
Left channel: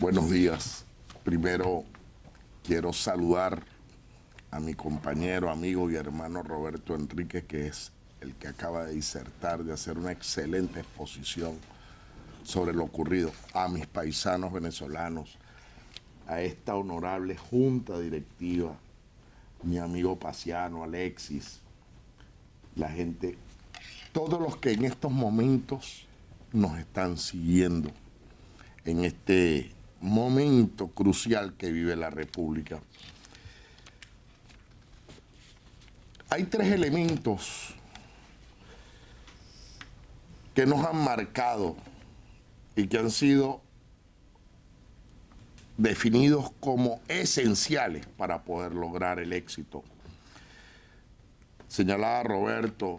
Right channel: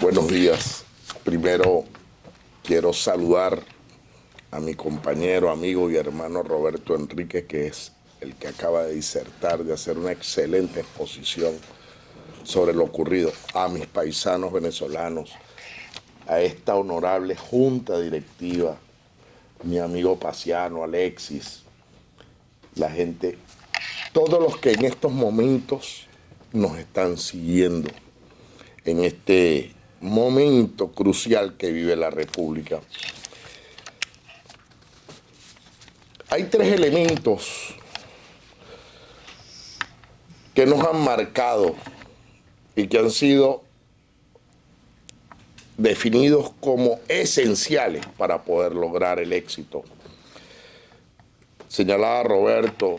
Buenos días. Primero quiero saludar a mi compañero, amigo y hermano Roberto Enrique, que es el que acaba de disertar, de hacer una excelente exposición sobre lo ocurrido, a mis paisanos venezolanos, a esta honorable junta directiva, mi amigo Paciano, Alexis, la gente, todos los que en estos momentos nos están siguiendo en este momento crucial que vive la República. Hay tres elementos que nos han marcado y que han sido definidos como esenciales para poder lograr el éxito. Señalaba Roberto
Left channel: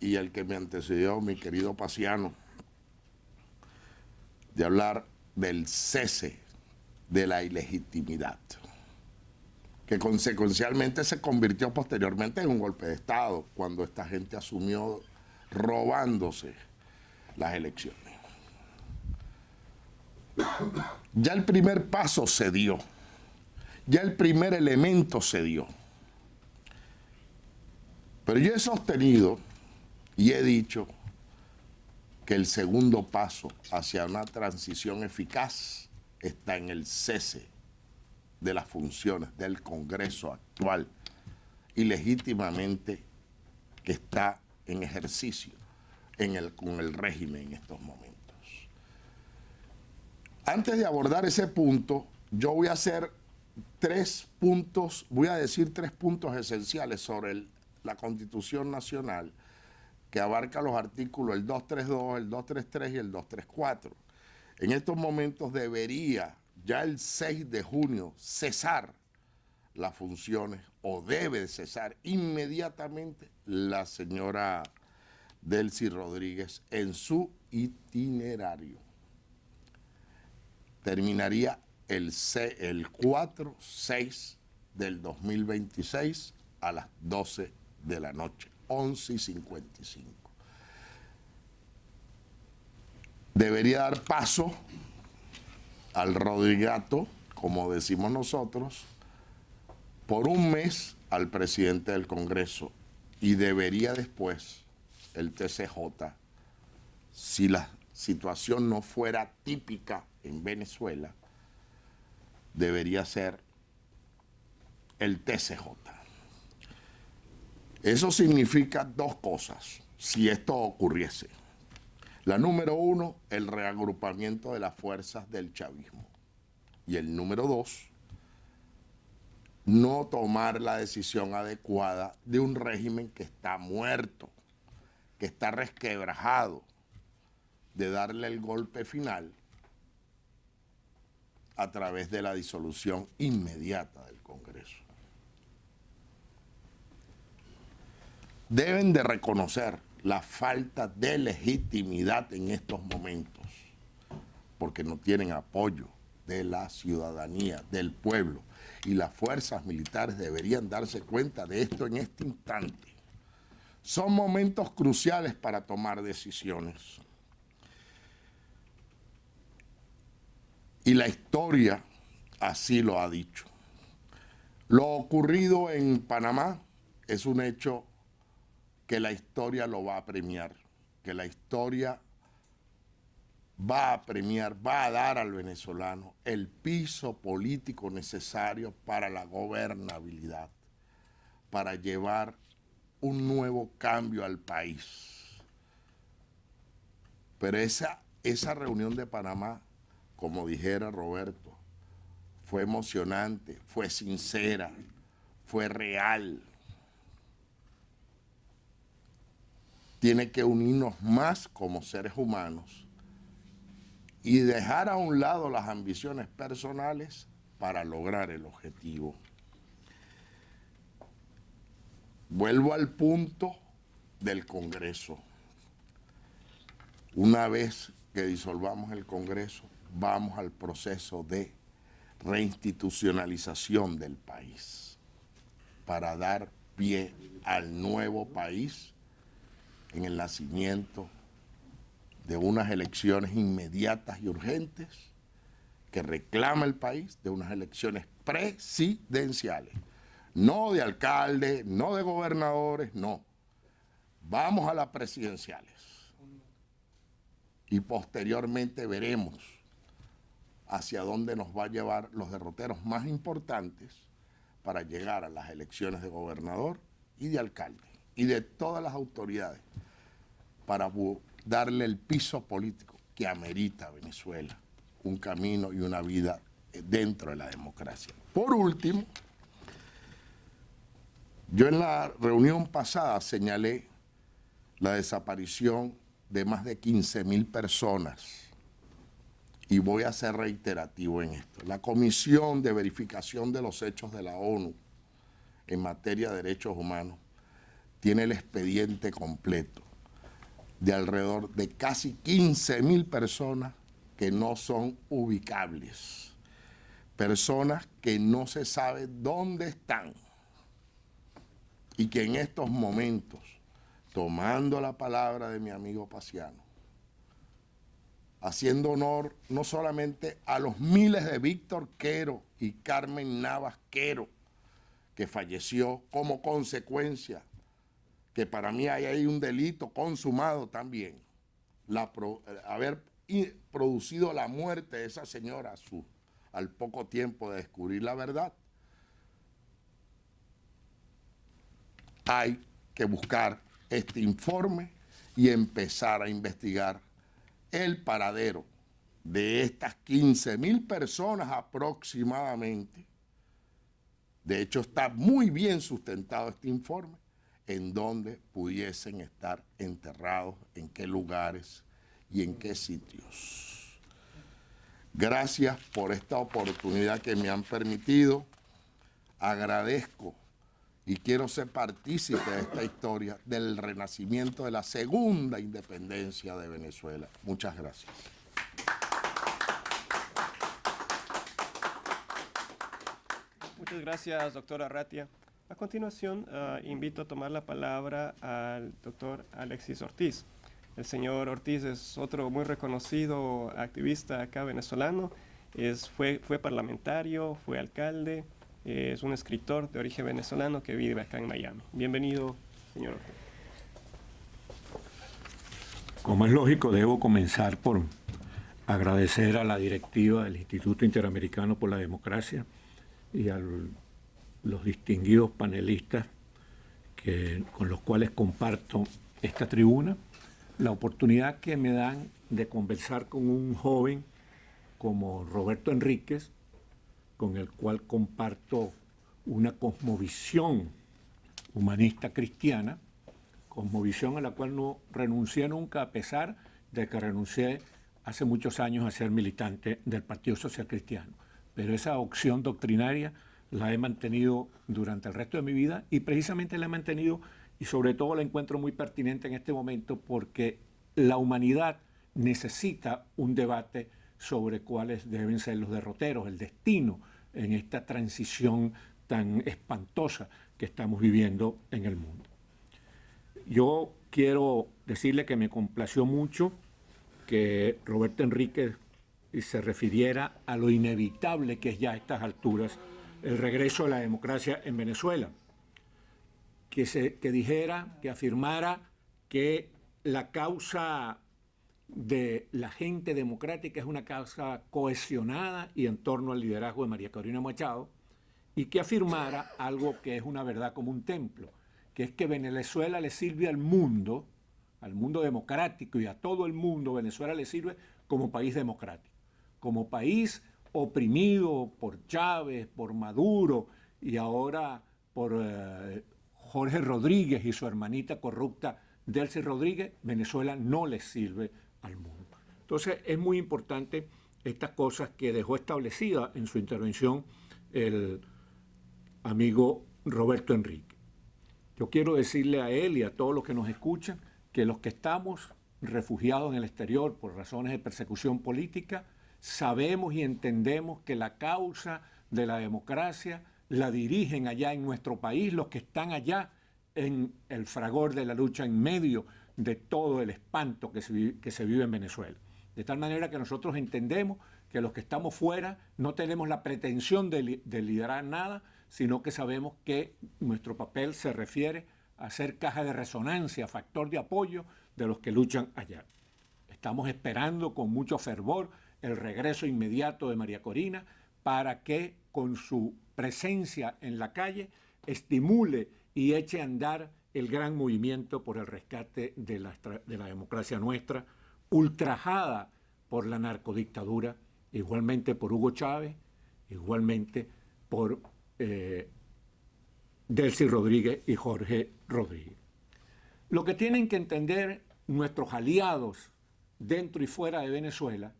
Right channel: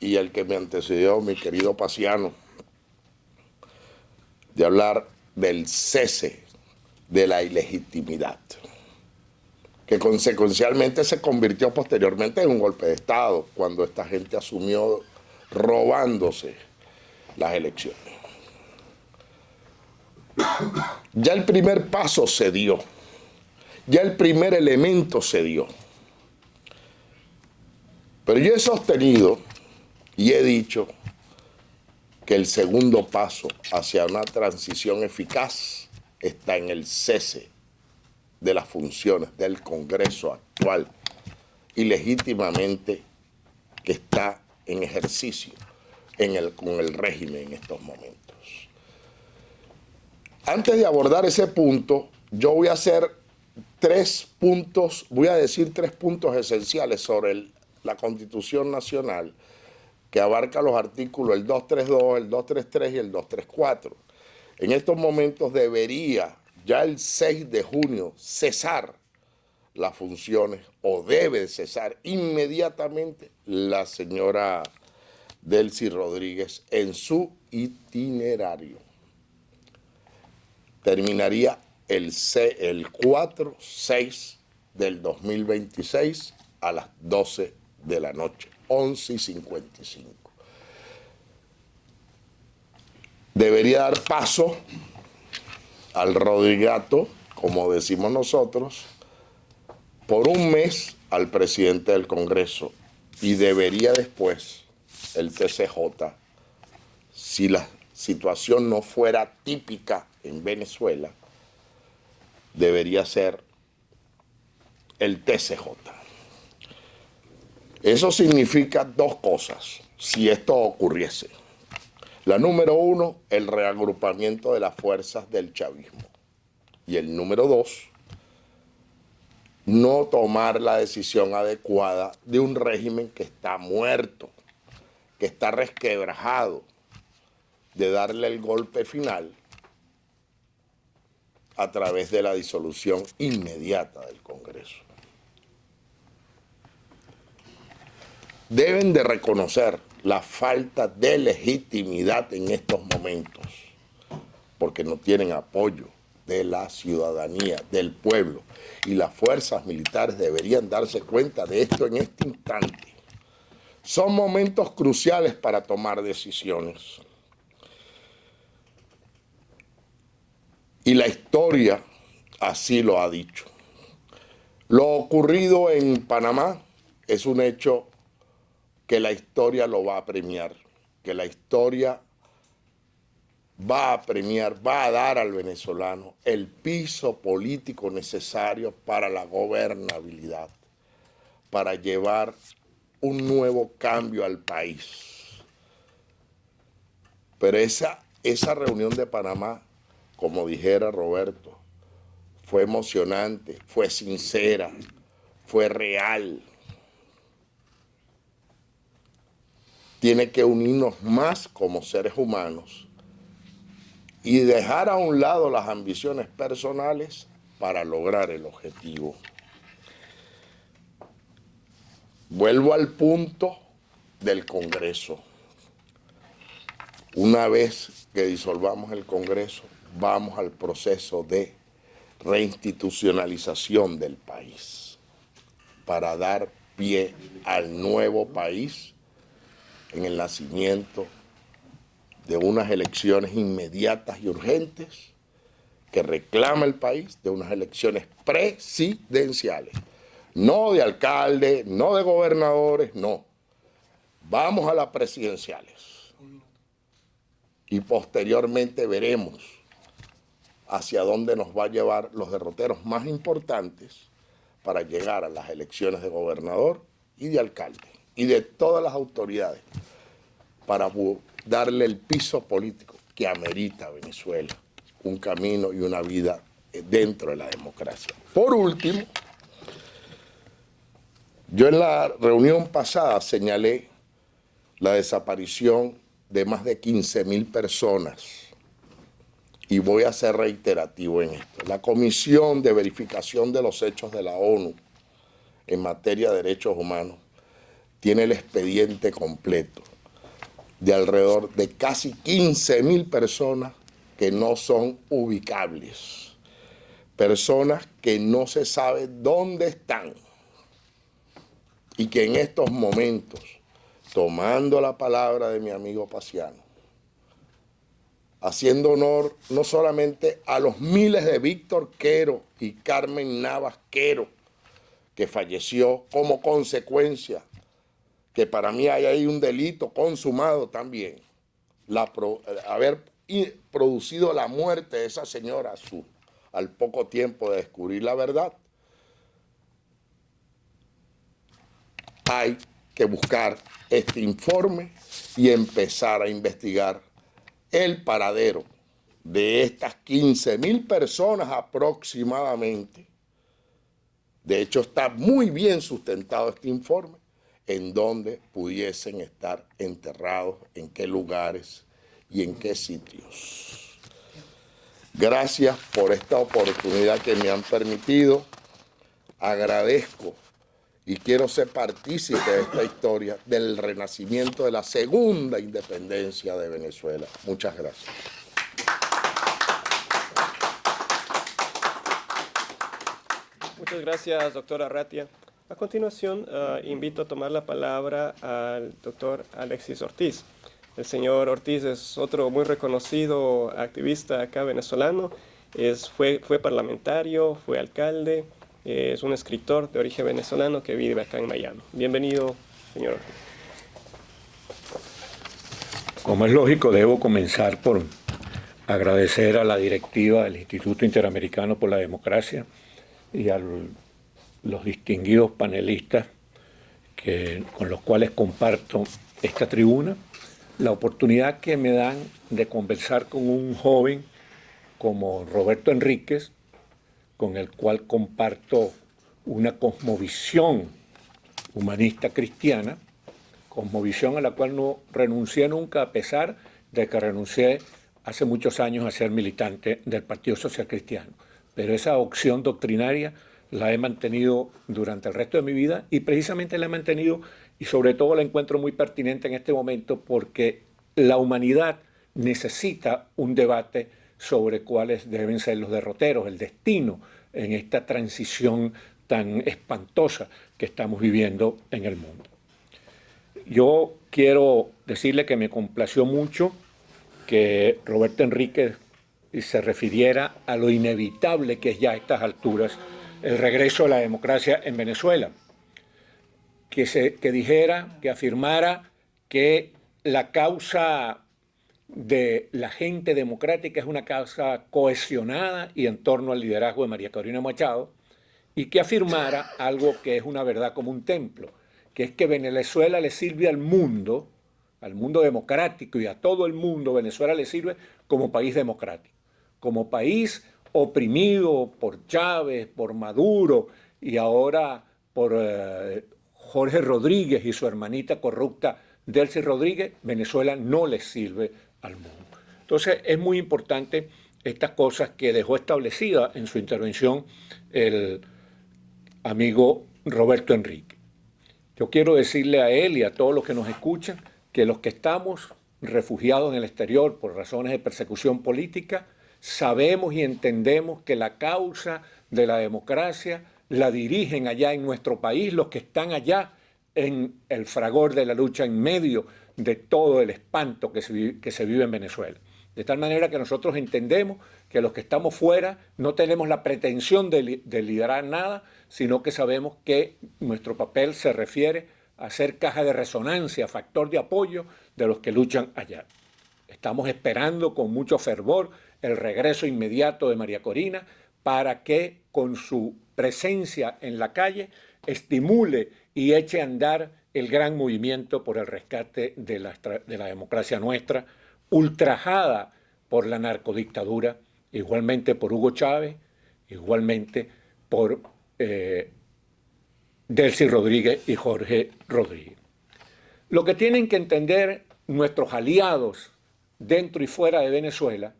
y el que me antecedió, mi querido Paciano, de hablar del cese de la ilegitimidad, que consecuencialmente se convirtió posteriormente en un golpe de Estado, cuando esta gente asumió robándose las elecciones. Ya el primer paso se dio, ya el primer elemento se dio. Pero yo he sostenido y he dicho que el segundo paso hacia una transición eficaz está en el cese de las funciones del Congreso actual y legítimamente que está en ejercicio con el régimen en estos momentos. Antes de abordar ese punto, yo voy a hacer decir tres puntos esenciales sobre la Constitución Nacional, que abarca los artículos el 232, el 233 y el 234. En estos momentos debería ya el 6 de junio cesar las funciones, o debe cesar inmediatamente, la señora Delcy Rodríguez en su itinerario. Terminaría el 4/6 del 2026 a las 12 de la noche, 11:55. Debería dar paso al rodrigato, como decimos nosotros, por un mes al presidente del Congreso, y debería después el TCJ, si la situación no fuera típica en Venezuela, debería ser el TCJ. Eso significa dos cosas, si esto ocurriese. La número uno, el reagrupamiento de las fuerzas del chavismo. Y el número dos, no tomar la decisión adecuada de un régimen que está muerto, que está resquebrajado, de darle el golpe final a través de la disolución inmediata del Congreso. Deben de reconocer la falta de legitimidad en estos momentos, porque no tienen apoyo de la ciudadanía, del pueblo, y las fuerzas militares deberían darse cuenta de esto en este instante. Son momentos cruciales para tomar decisiones. Y la historia así lo ha dicho. Lo ocurrido en Panamá es un hecho que la historia lo va a premiar, que la historia va a premiar, va a dar al venezolano el piso político necesario para la gobernabilidad, para llevar un nuevo cambio al país. Pero esa reunión de Panamá, como dijera Roberto, fue emocionante, fue sincera, fue real. Tiene que unirnos más como seres humanos y dejar a un lado las ambiciones personales para lograr el objetivo. Vuelvo al punto del Congreso. Una vez que disolvamos el Congreso, vamos al proceso de reinstitucionalización del país para dar pie al nuevo país en el nacimiento de unas elecciones inmediatas y urgentes que reclama el país, de unas elecciones presidenciales, no de alcaldes, no de gobernadores, no. Vamos a las presidenciales y posteriormente veremos hacia dónde nos va a llevar los derroteros más importantes para llegar a las elecciones de gobernador y de alcalde y de todas las autoridades para darle el piso político que amerita a Venezuela, un camino y una vida dentro de la democracia. Por último, yo en la reunión pasada señalé la desaparición de más de 15.000 personas y voy a ser reiterativo en esto. La Comisión de Verificación de los Hechos de la ONU en materia de derechos humanos tiene el expediente completo de alrededor de casi 15.000 personas que no son ubicables, personas que no se sabe dónde están y que en estos momentos, tomando la palabra de mi amigo Paciano, haciendo honor no solamente a los miles de Víctor Quero y Carmen Navas Quero, que falleció como consecuencia, que para mí hay un delito consumado también, haber producido la muerte de esa señora al poco tiempo de descubrir la verdad. Hay que buscar este informe y empezar a investigar el paradero de estas 15.000 personas aproximadamente. De hecho, está muy bien sustentado este informe, en dónde pudiesen estar enterrados, en qué lugares y en qué sitios. Gracias por esta oportunidad que me han permitido. Agradezco y quiero ser partícipe de esta historia del renacimiento de la segunda independencia de Venezuela. Muchas gracias. Muchas gracias, doctor Arratia. A continuación, invito a tomar la palabra al doctor Alexis Ortiz. El señor Ortiz es otro muy reconocido activista acá venezolano. Fue parlamentario, fue alcalde, es un escritor de origen venezolano que vive acá en Miami. Bienvenido, señor Ortiz. Como es lógico, debo comenzar por agradecer a la directiva del Instituto Interamericano por la Democracia y a los distinguidos panelistas con los cuales comparto esta tribuna, la oportunidad que me dan de conversar con un joven como Roberto Enríquez, con el cual comparto una cosmovisión humanista cristiana, cosmovisión a la cual no renuncié nunca, a pesar de que renuncié hace muchos años a ser militante del Partido Social Cristiano. Pero esa opción doctrinaria la he mantenido durante el resto de mi vida y precisamente la he mantenido y sobre todo la encuentro muy pertinente en este momento porque la humanidad necesita un debate sobre cuáles deben ser los derroteros, el destino en esta transición tan espantosa que estamos viviendo en el mundo. Yo quiero decirle que me complació mucho que Roberto Enríquez se refiriera a lo inevitable que es ya a estas alturas el regreso de la democracia en Venezuela. Que dijera, que afirmara que la causa de la gente democrática es una causa cohesionada y en torno al liderazgo de María Corina Machado, y que afirmara algo que es una verdad como un templo, que es que Venezuela le sirve al mundo democrático y a todo el mundo. Venezuela le sirve como país democrático, como país oprimido por Chávez, por Maduro y ahora por Jorge Rodríguez y su hermanita corrupta Delcy Rodríguez. Venezuela no le sirve al mundo. Entonces es muy importante estas cosas que dejó establecidas en su intervención el amigo Roberto Enríquez. Yo quiero decirle a él y a todos los que nos escuchan que los que estamos refugiados en el exterior por razones de persecución política, sabemos y entendemos que la causa de la democracia la dirigen allá en nuestro país los que están allá en el fragor de la lucha, en medio de todo el espanto que se vive en Venezuela. De tal manera que nosotros entendemos que los que estamos fuera no tenemos la pretensión de liderar nada, sino que sabemos que nuestro papel se refiere a ser caja de resonancia, factor de apoyo de los que luchan allá. Estamos esperando con mucho fervor el regreso inmediato de María Corina para que con su presencia en la calle estimule y eche a andar el gran movimiento por el rescate de la democracia nuestra, ultrajada por la narcodictadura, igualmente por Hugo Chávez, igualmente por Delcy Rodríguez y Jorge Rodríguez. Lo que tienen que entender nuestros aliados dentro y fuera de Venezuela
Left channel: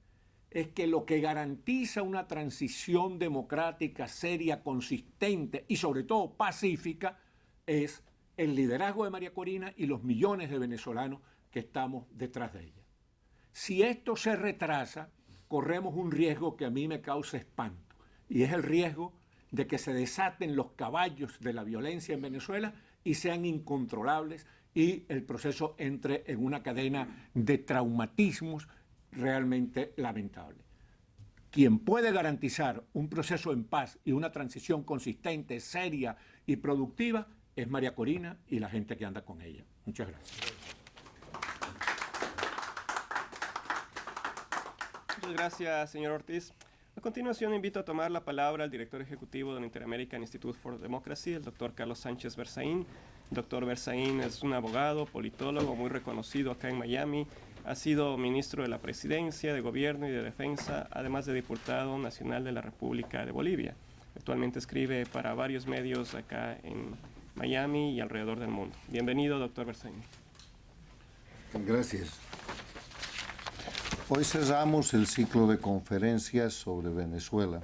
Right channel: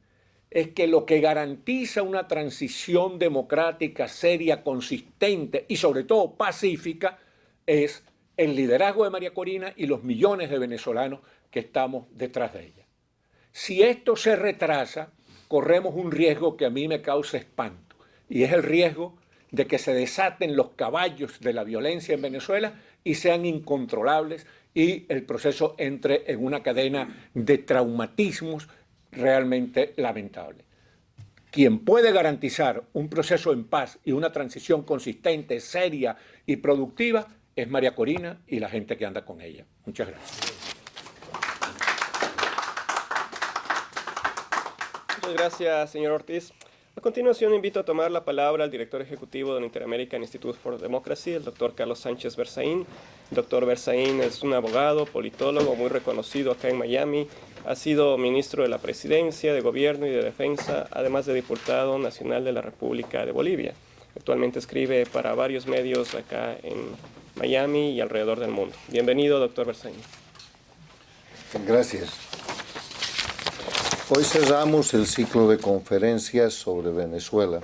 es que lo que garantiza una transición democrática, seria, consistente y sobre todo pacífica es el liderazgo de María Corina y los millones de venezolanos que estamos detrás de ella. Si esto se retrasa, corremos un riesgo que a mí me causa espanto, y es el riesgo de que se desaten los caballos de la violencia en Venezuela y sean incontrolables y el proceso entre en una cadena de traumatismos realmente lamentable. Quien puede garantizar un proceso en paz y una transición consistente, seria y productiva es María Corina y la gente que anda con ella. Muchas gracias. Muchas gracias, señor Ortiz. A continuación invito a tomar la palabra al director ejecutivo del Inter-American Institute for Democracy, el doctor Carlos Sánchez Berzaín. El doctor Berzaín es un abogado, politólogo muy reconocido acá en Miami. Ha sido ministro de la Presidencia, de Gobierno y de Defensa, además de diputado nacional de la República de Bolivia. Actualmente escribe para varios medios acá en Miami y alrededor del mundo. Bienvenido, doctor Berzaín. Gracias. Hoy cerramos el ciclo de conferencias sobre Venezuela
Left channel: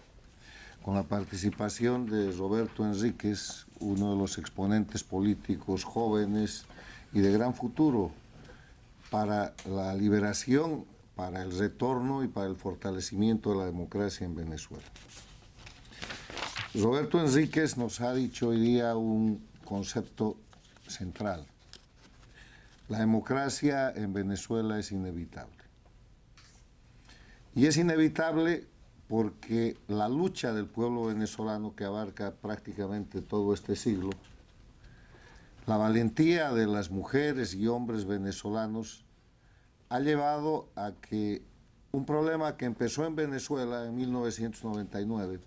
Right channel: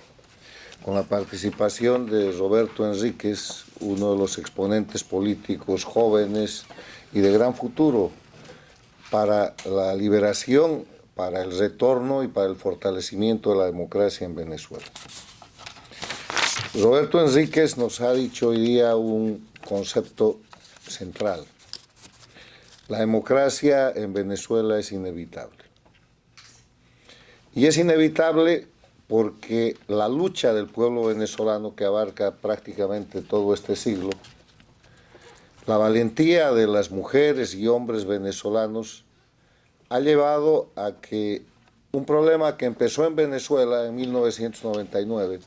con la participación de Roberto Enríquez, uno de los exponentes políticos jóvenes y de gran futuro para la liberación, para el retorno y para el fortalecimiento de la democracia en Venezuela. Roberto Enríquez nos ha dicho hoy día un concepto central. La democracia en Venezuela es inevitable. Y es inevitable porque la lucha del pueblo venezolano, que abarca prácticamente todo este siglo, la valentía de las mujeres y hombres venezolanos ha llevado a que un problema que empezó en Venezuela en 1999,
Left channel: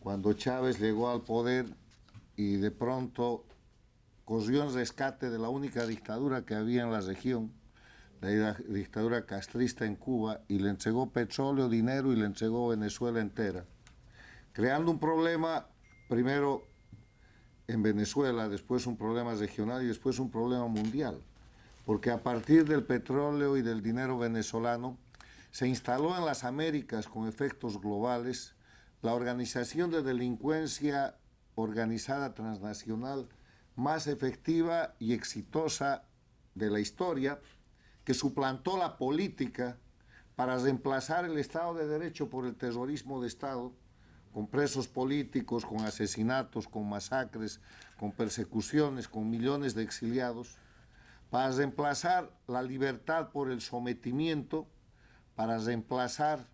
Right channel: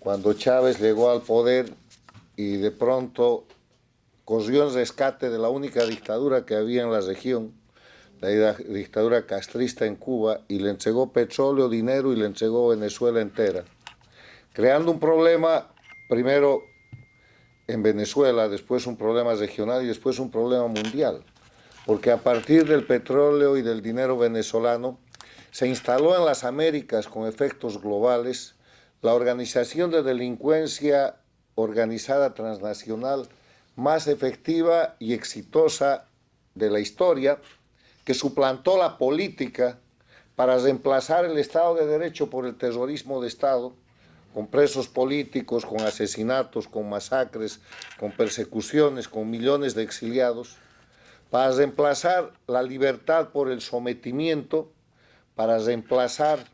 cuando Chávez llegó al poder y de pronto corrió en rescate de la única dictadura que había en la región, la dictadura castrista en Cuba, y le entregó petróleo, dinero y le entregó Venezuela entera, creando un problema primero en Venezuela, después un problema regional y después un problema mundial, porque a partir del petróleo y del dinero venezolano se instaló en las Américas con efectos globales la organización de delincuencia organizada transnacional más efectiva y exitosa de la historia, que suplantó la política para reemplazar el Estado de Derecho por el terrorismo de Estado, con presos políticos, con asesinatos, con masacres, con persecuciones, con millones de exiliados, para reemplazar la libertad por el sometimiento, para reemplazar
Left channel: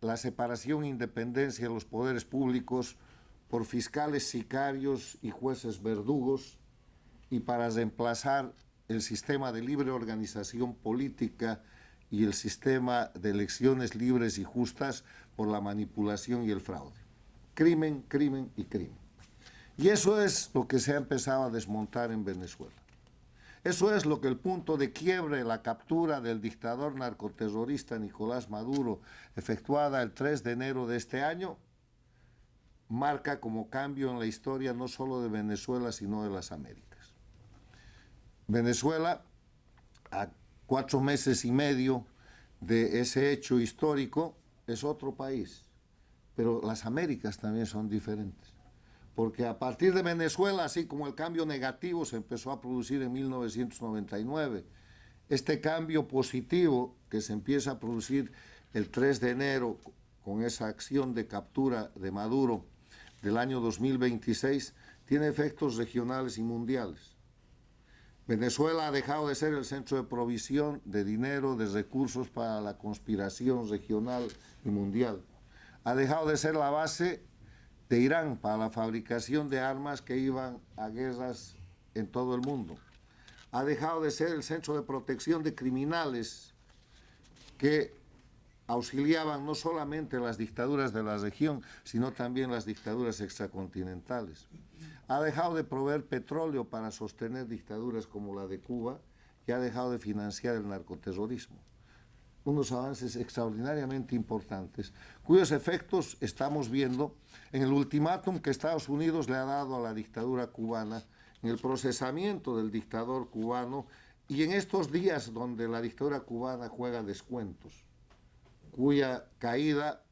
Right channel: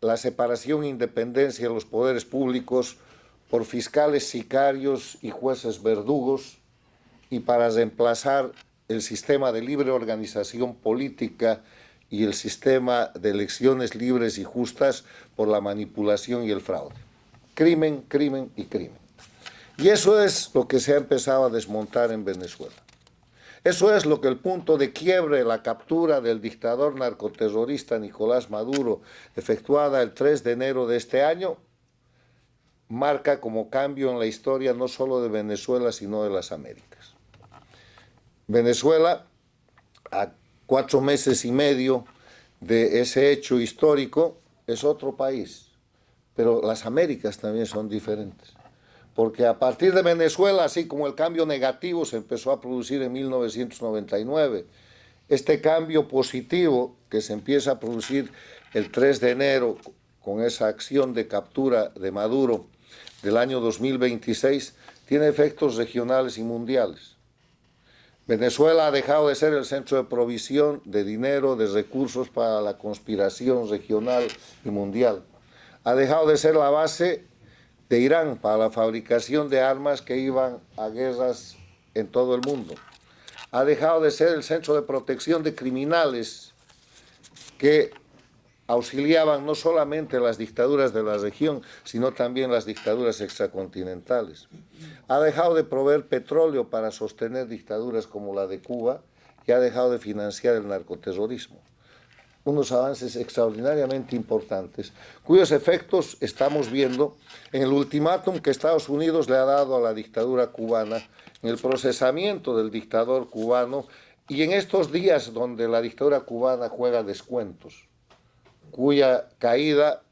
la separación e independencia de los poderes públicos por fiscales sicarios y jueces verdugos, y para reemplazar el sistema de libre organización política y el sistema de elecciones libres y justas por la manipulación y el fraude. Crimen, crimen y crimen. Y eso es lo que se ha empezado a desmontar en Venezuela. Eso es lo que el punto de quiebre, la captura del dictador narcoterrorista Nicolás Maduro, efectuada el 3 de enero de este año, marca como cambio en la historia no solo de Venezuela, sino de las Américas. Venezuela, a 4 meses y medio de ese hecho histórico, es otro país, pero las Américas también son diferentes. Porque a partir de Venezuela, así como el cambio negativo se empezó a producir en 1999, este cambio positivo que se empieza a producir el 3 de enero con esa acción de captura de Maduro del año 2026, tiene efectos regionales y mundiales. Venezuela ha dejado de ser el centro de provisión de dinero, de recursos para la conspiración regional y mundial. Ha dejado de ser la base de Irán para la fabricación de armas que iban a guerras en todo el mundo. Ha dejado de ser el centro de protección de criminales que auxiliaban no solamente las dictaduras de la región, sino también las dictaduras extracontinentales. Ha dejado de proveer petróleo para sostener dictaduras como la de Cuba y ha dejado de financiar el narcoterrorismo. Unos avances extraordinariamente importantes, cuyos efectos estamos viendo en el ultimátum que Estados Unidos le ha dado a la dictadura cubana, en el procesamiento del dictador cubano y en estos días donde la dictadura cubana juega descuentos, cuya caída,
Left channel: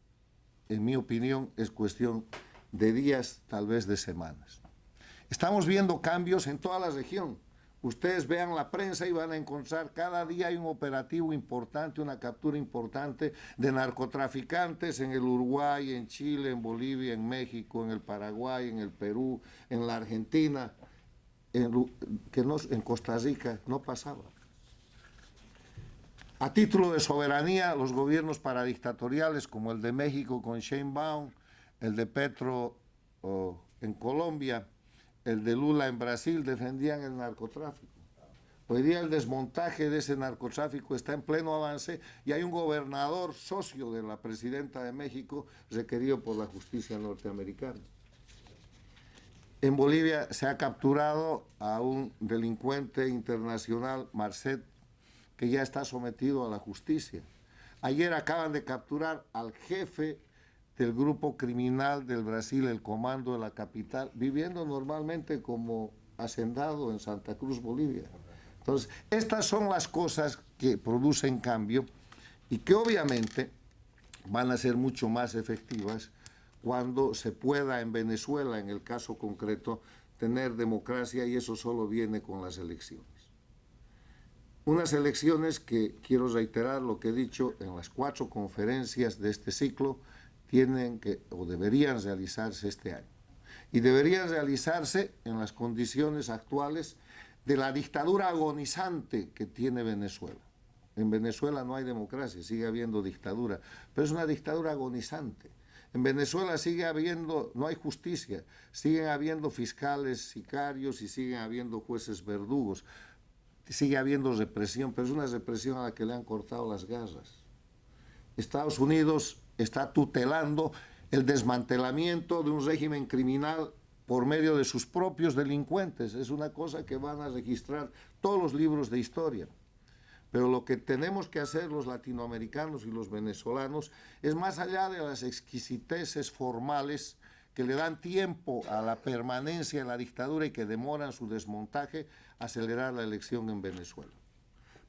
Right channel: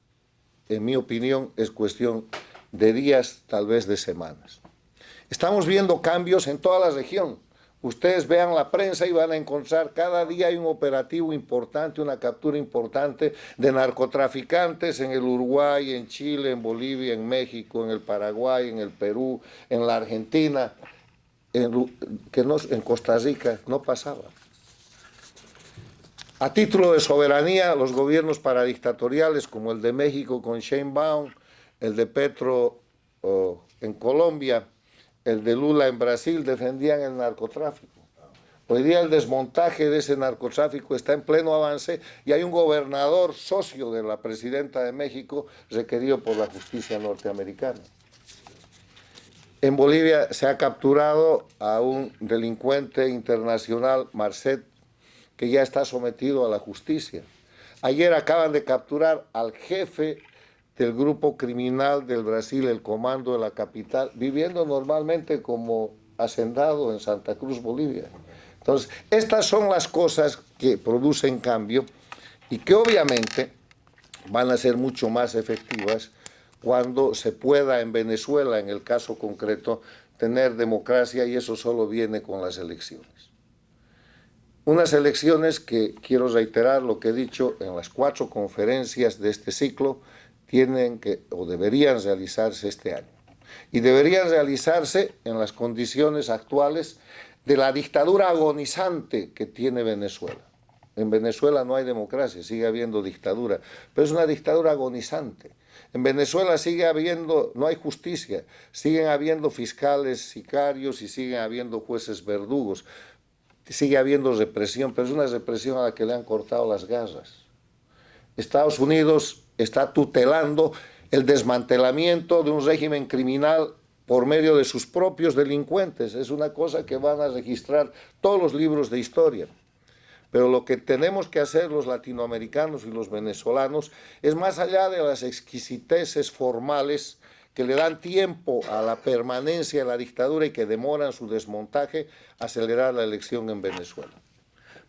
en mi opinión, es cuestión de días, tal vez de semanas. Estamos viendo cambios en toda la región. Ustedes vean la prensa y van a encontrar cada día hay un operativo importante, una captura importante de narcotraficantes en el Uruguay, en Chile, en Bolivia, en México, en el Paraguay, en el Perú, en la Argentina, en Costa Rica no pasaba. A título de soberanía, los gobiernos paradictatoriales como el de México con Sheinbaum, el de Petro en Colombia, el de Lula en Brasil, defendían el narcotráfico. Hoy día el desmontaje de ese narcotráfico está en pleno avance y hay un gobernador socio de la presidenta de México requerido por la justicia norteamericana. En Bolivia se ha capturado a un delincuente internacional, Marcet, que ya está sometido a la justicia. Ayer acaban de capturar al jefe del grupo criminal del Brasil, el Comando de la Capital, viviendo normalmente como hacendado en Santa Cruz, Bolivia. Entonces, estas son las cosas que producen cambio y que obviamente van a ser mucho más efectivas cuando se pueda en Venezuela, en el caso concreto, tener democracia, y eso solo viene con las elecciones. Unas elecciones que, quiero reiterar lo que he dicho en las 4 conferencias de este ciclo, tienen que o deberían realizarse este año. Y deberían realizarse en las condiciones actuales de la dictadura agonizante que tiene Venezuela. En Venezuela no hay democracia, sigue habiendo dictadura, pero es una dictadura agonizante. En Venezuela sigue habiendo, no hay justicia, siguen habiendo fiscales sicarios y siguen habiendo jueces verdugos, sigue habiendo represión, pero es una represión a la que le han cortado las garras. Estados Unidos está tutelando el desmantelamiento de un régimen criminal por medio de sus propios delincuentes. Es una cosa que van a registrar todos los libros de historia. Pero lo que tenemos que hacer los latinoamericanos y los venezolanos es, más allá de las exquisiteces formales que le dan tiempo a la permanencia de la dictadura y que demoran su desmontaje, acelerar la elección en Venezuela.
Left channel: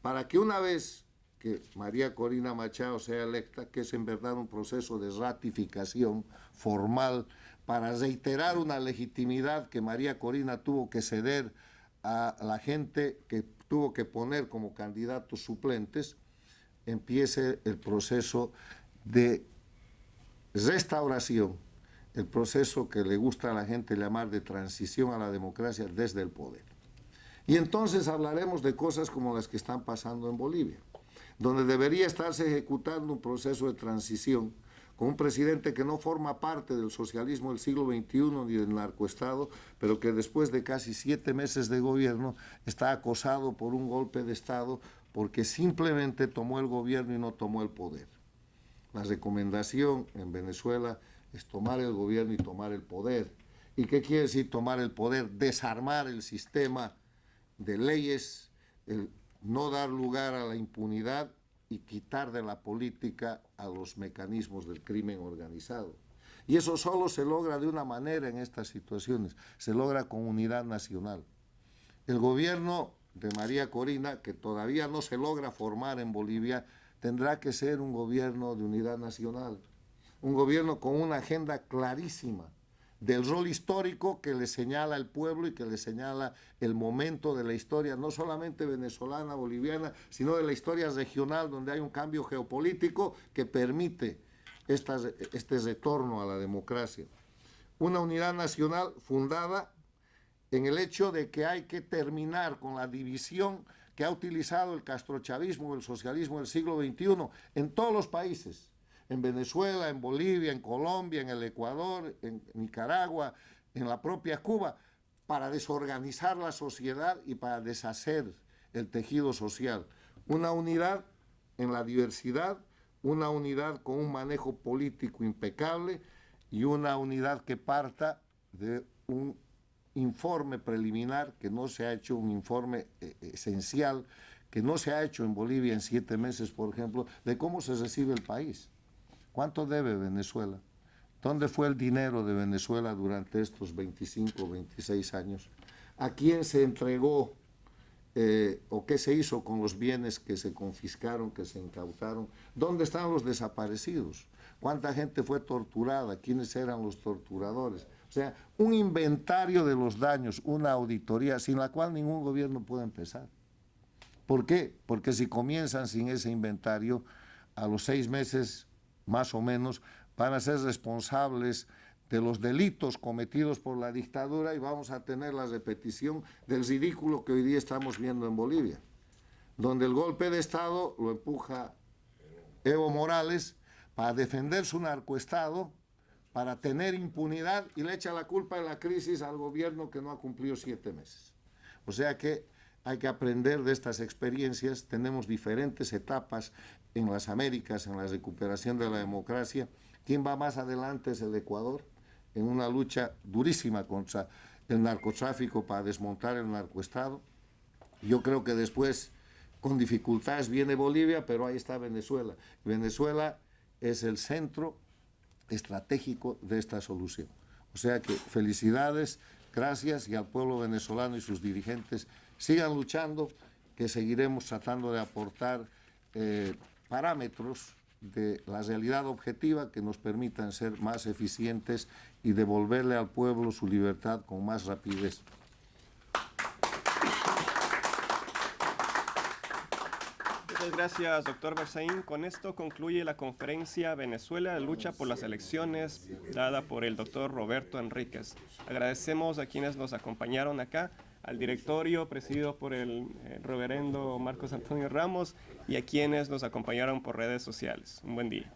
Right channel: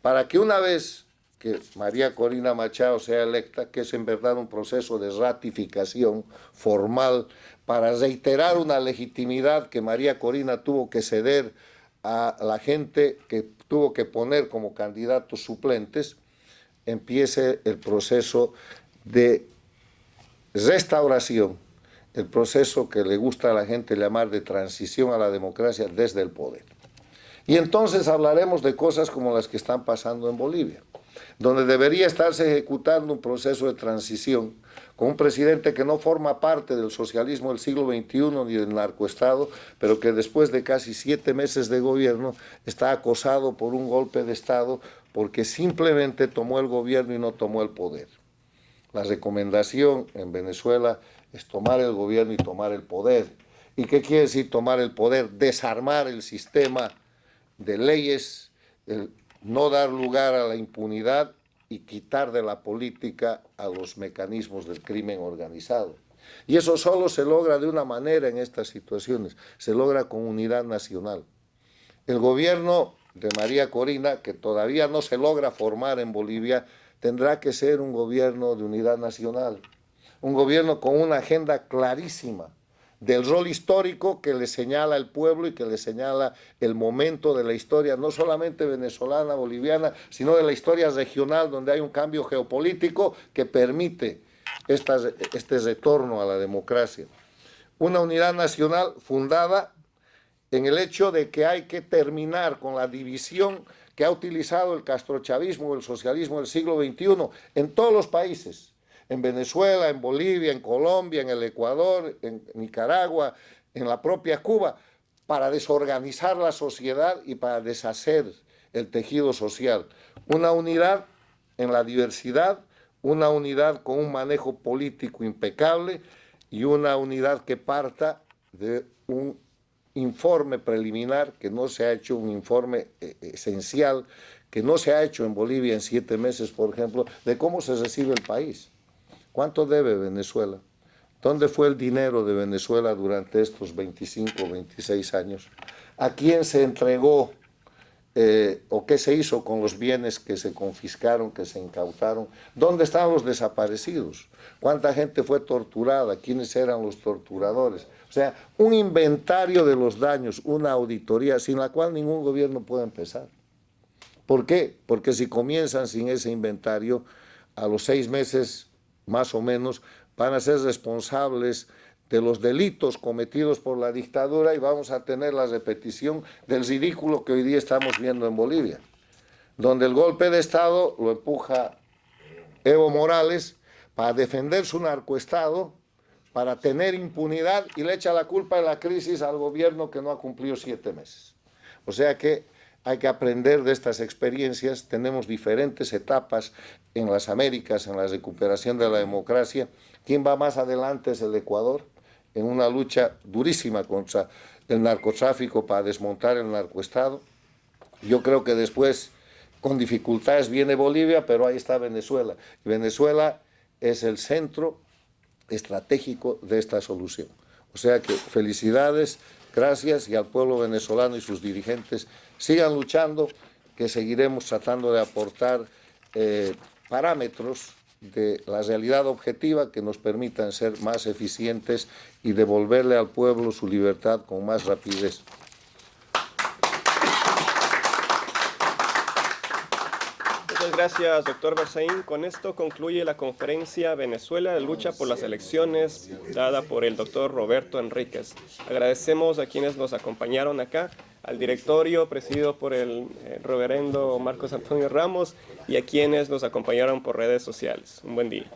Para que una vez que María Corina Machado sea electa, que es en verdad un proceso de ratificación formal para reiterar una legitimidad que María Corina tuvo que ceder a la gente que tuvo que poner como candidatos suplentes, empiece el proceso de restauración, el proceso que le gusta a la gente llamar de transición a la democracia desde el poder. Y entonces hablaremos de cosas como las que están pasando en Bolivia, donde debería estarse ejecutando un proceso de transición con un presidente que no forma parte del socialismo del siglo XXI ni del narcoestado, pero que después de casi 7 meses de gobierno está acosado por un golpe de Estado porque simplemente tomó el gobierno y no tomó el poder. La recomendación en Venezuela es tomar el gobierno y tomar el poder. ¿Y qué quiere decir tomar el poder? Desarmar el sistema de leyes, no dar lugar a la impunidad y quitar de la política a los mecanismos del crimen organizado. Y eso solo se logra de una manera en estas situaciones, se logra con unidad nacional. El gobierno de María Corina, que todavía no se logra formar en Bolivia, tendrá que ser un gobierno de unidad nacional, un gobierno con una agenda clarísima del rol histórico que le señala el pueblo y que le señala el momento de la historia, no solamente venezolana, boliviana, sino de la historia regional, donde hay un cambio geopolítico que permite este retorno a la democracia. Una unidad nacional fundada en el hecho de que hay que terminar con la división que ha utilizado el castrochavismo o el socialismo del siglo XXI en todos los países, en Venezuela, en Bolivia, en Colombia, en el Ecuador, en Nicaragua, en la propia Cuba, para desorganizar la sociedad y para deshacer el tejido social. Una unidad en la diversidad, una unidad con un manejo político impecable y una unidad que parta de un informe preliminar, que no se ha hecho un informe esencial, que no se ha hecho en Bolivia en 7 meses, por ejemplo, de cómo se recibe el país. ¿Cuánto debe Venezuela? ¿Dónde fue el dinero de Venezuela durante estos 25 o 26 años? ¿A quién se entregó o qué se hizo con los bienes que se confiscaron, que se incautaron? ¿Dónde estaban los desaparecidos? ¿Cuánta gente fue torturada? ¿Quiénes eran los torturadores? O sea, un inventario de los daños, una auditoría sin la cual ningún gobierno puede empezar. ¿Por qué? Porque si comienzan sin ese inventario, a los 6 meses, más o menos, van a ser responsables de los delitos cometidos por la dictadura y vamos a tener la repetición del ridículo que hoy día estamos viendo en Bolivia, donde el golpe de Estado lo empuja Evo Morales para defender su narcoestado, para tener impunidad y le echa la culpa de la crisis al gobierno que no ha cumplido 7 meses. O sea que hay que aprender de estas experiencias. Tenemos diferentes etapas en las Américas, en la recuperación de la democracia. ¿Quién va más adelante es el Ecuador, en una lucha durísima contra el narcotráfico para desmontar el narcoestado. Yo creo que después, con dificultades, viene Bolivia, pero ahí está Venezuela. Venezuela es el centro estratégico de esta solución. O sea que felicidades, gracias, y al pueblo venezolano y sus dirigentes sigan luchando, que seguiremos tratando de aportar parámetros de la realidad objetiva que nos permitan ser más eficientes y devolverle al pueblo su libertad con más rapidez. Muchas gracias, doctor Berzaín. Con esto concluye la conferencia Venezuela de lucha por las elecciones, dada por el doctor Roberto Enríquez. Agradecemos a quienes nos acompañaron acá, al directorio presidido por el reverendo Marcos Antonio Ramos y a quienes nos acompañaron por redes sociales. Un buen día.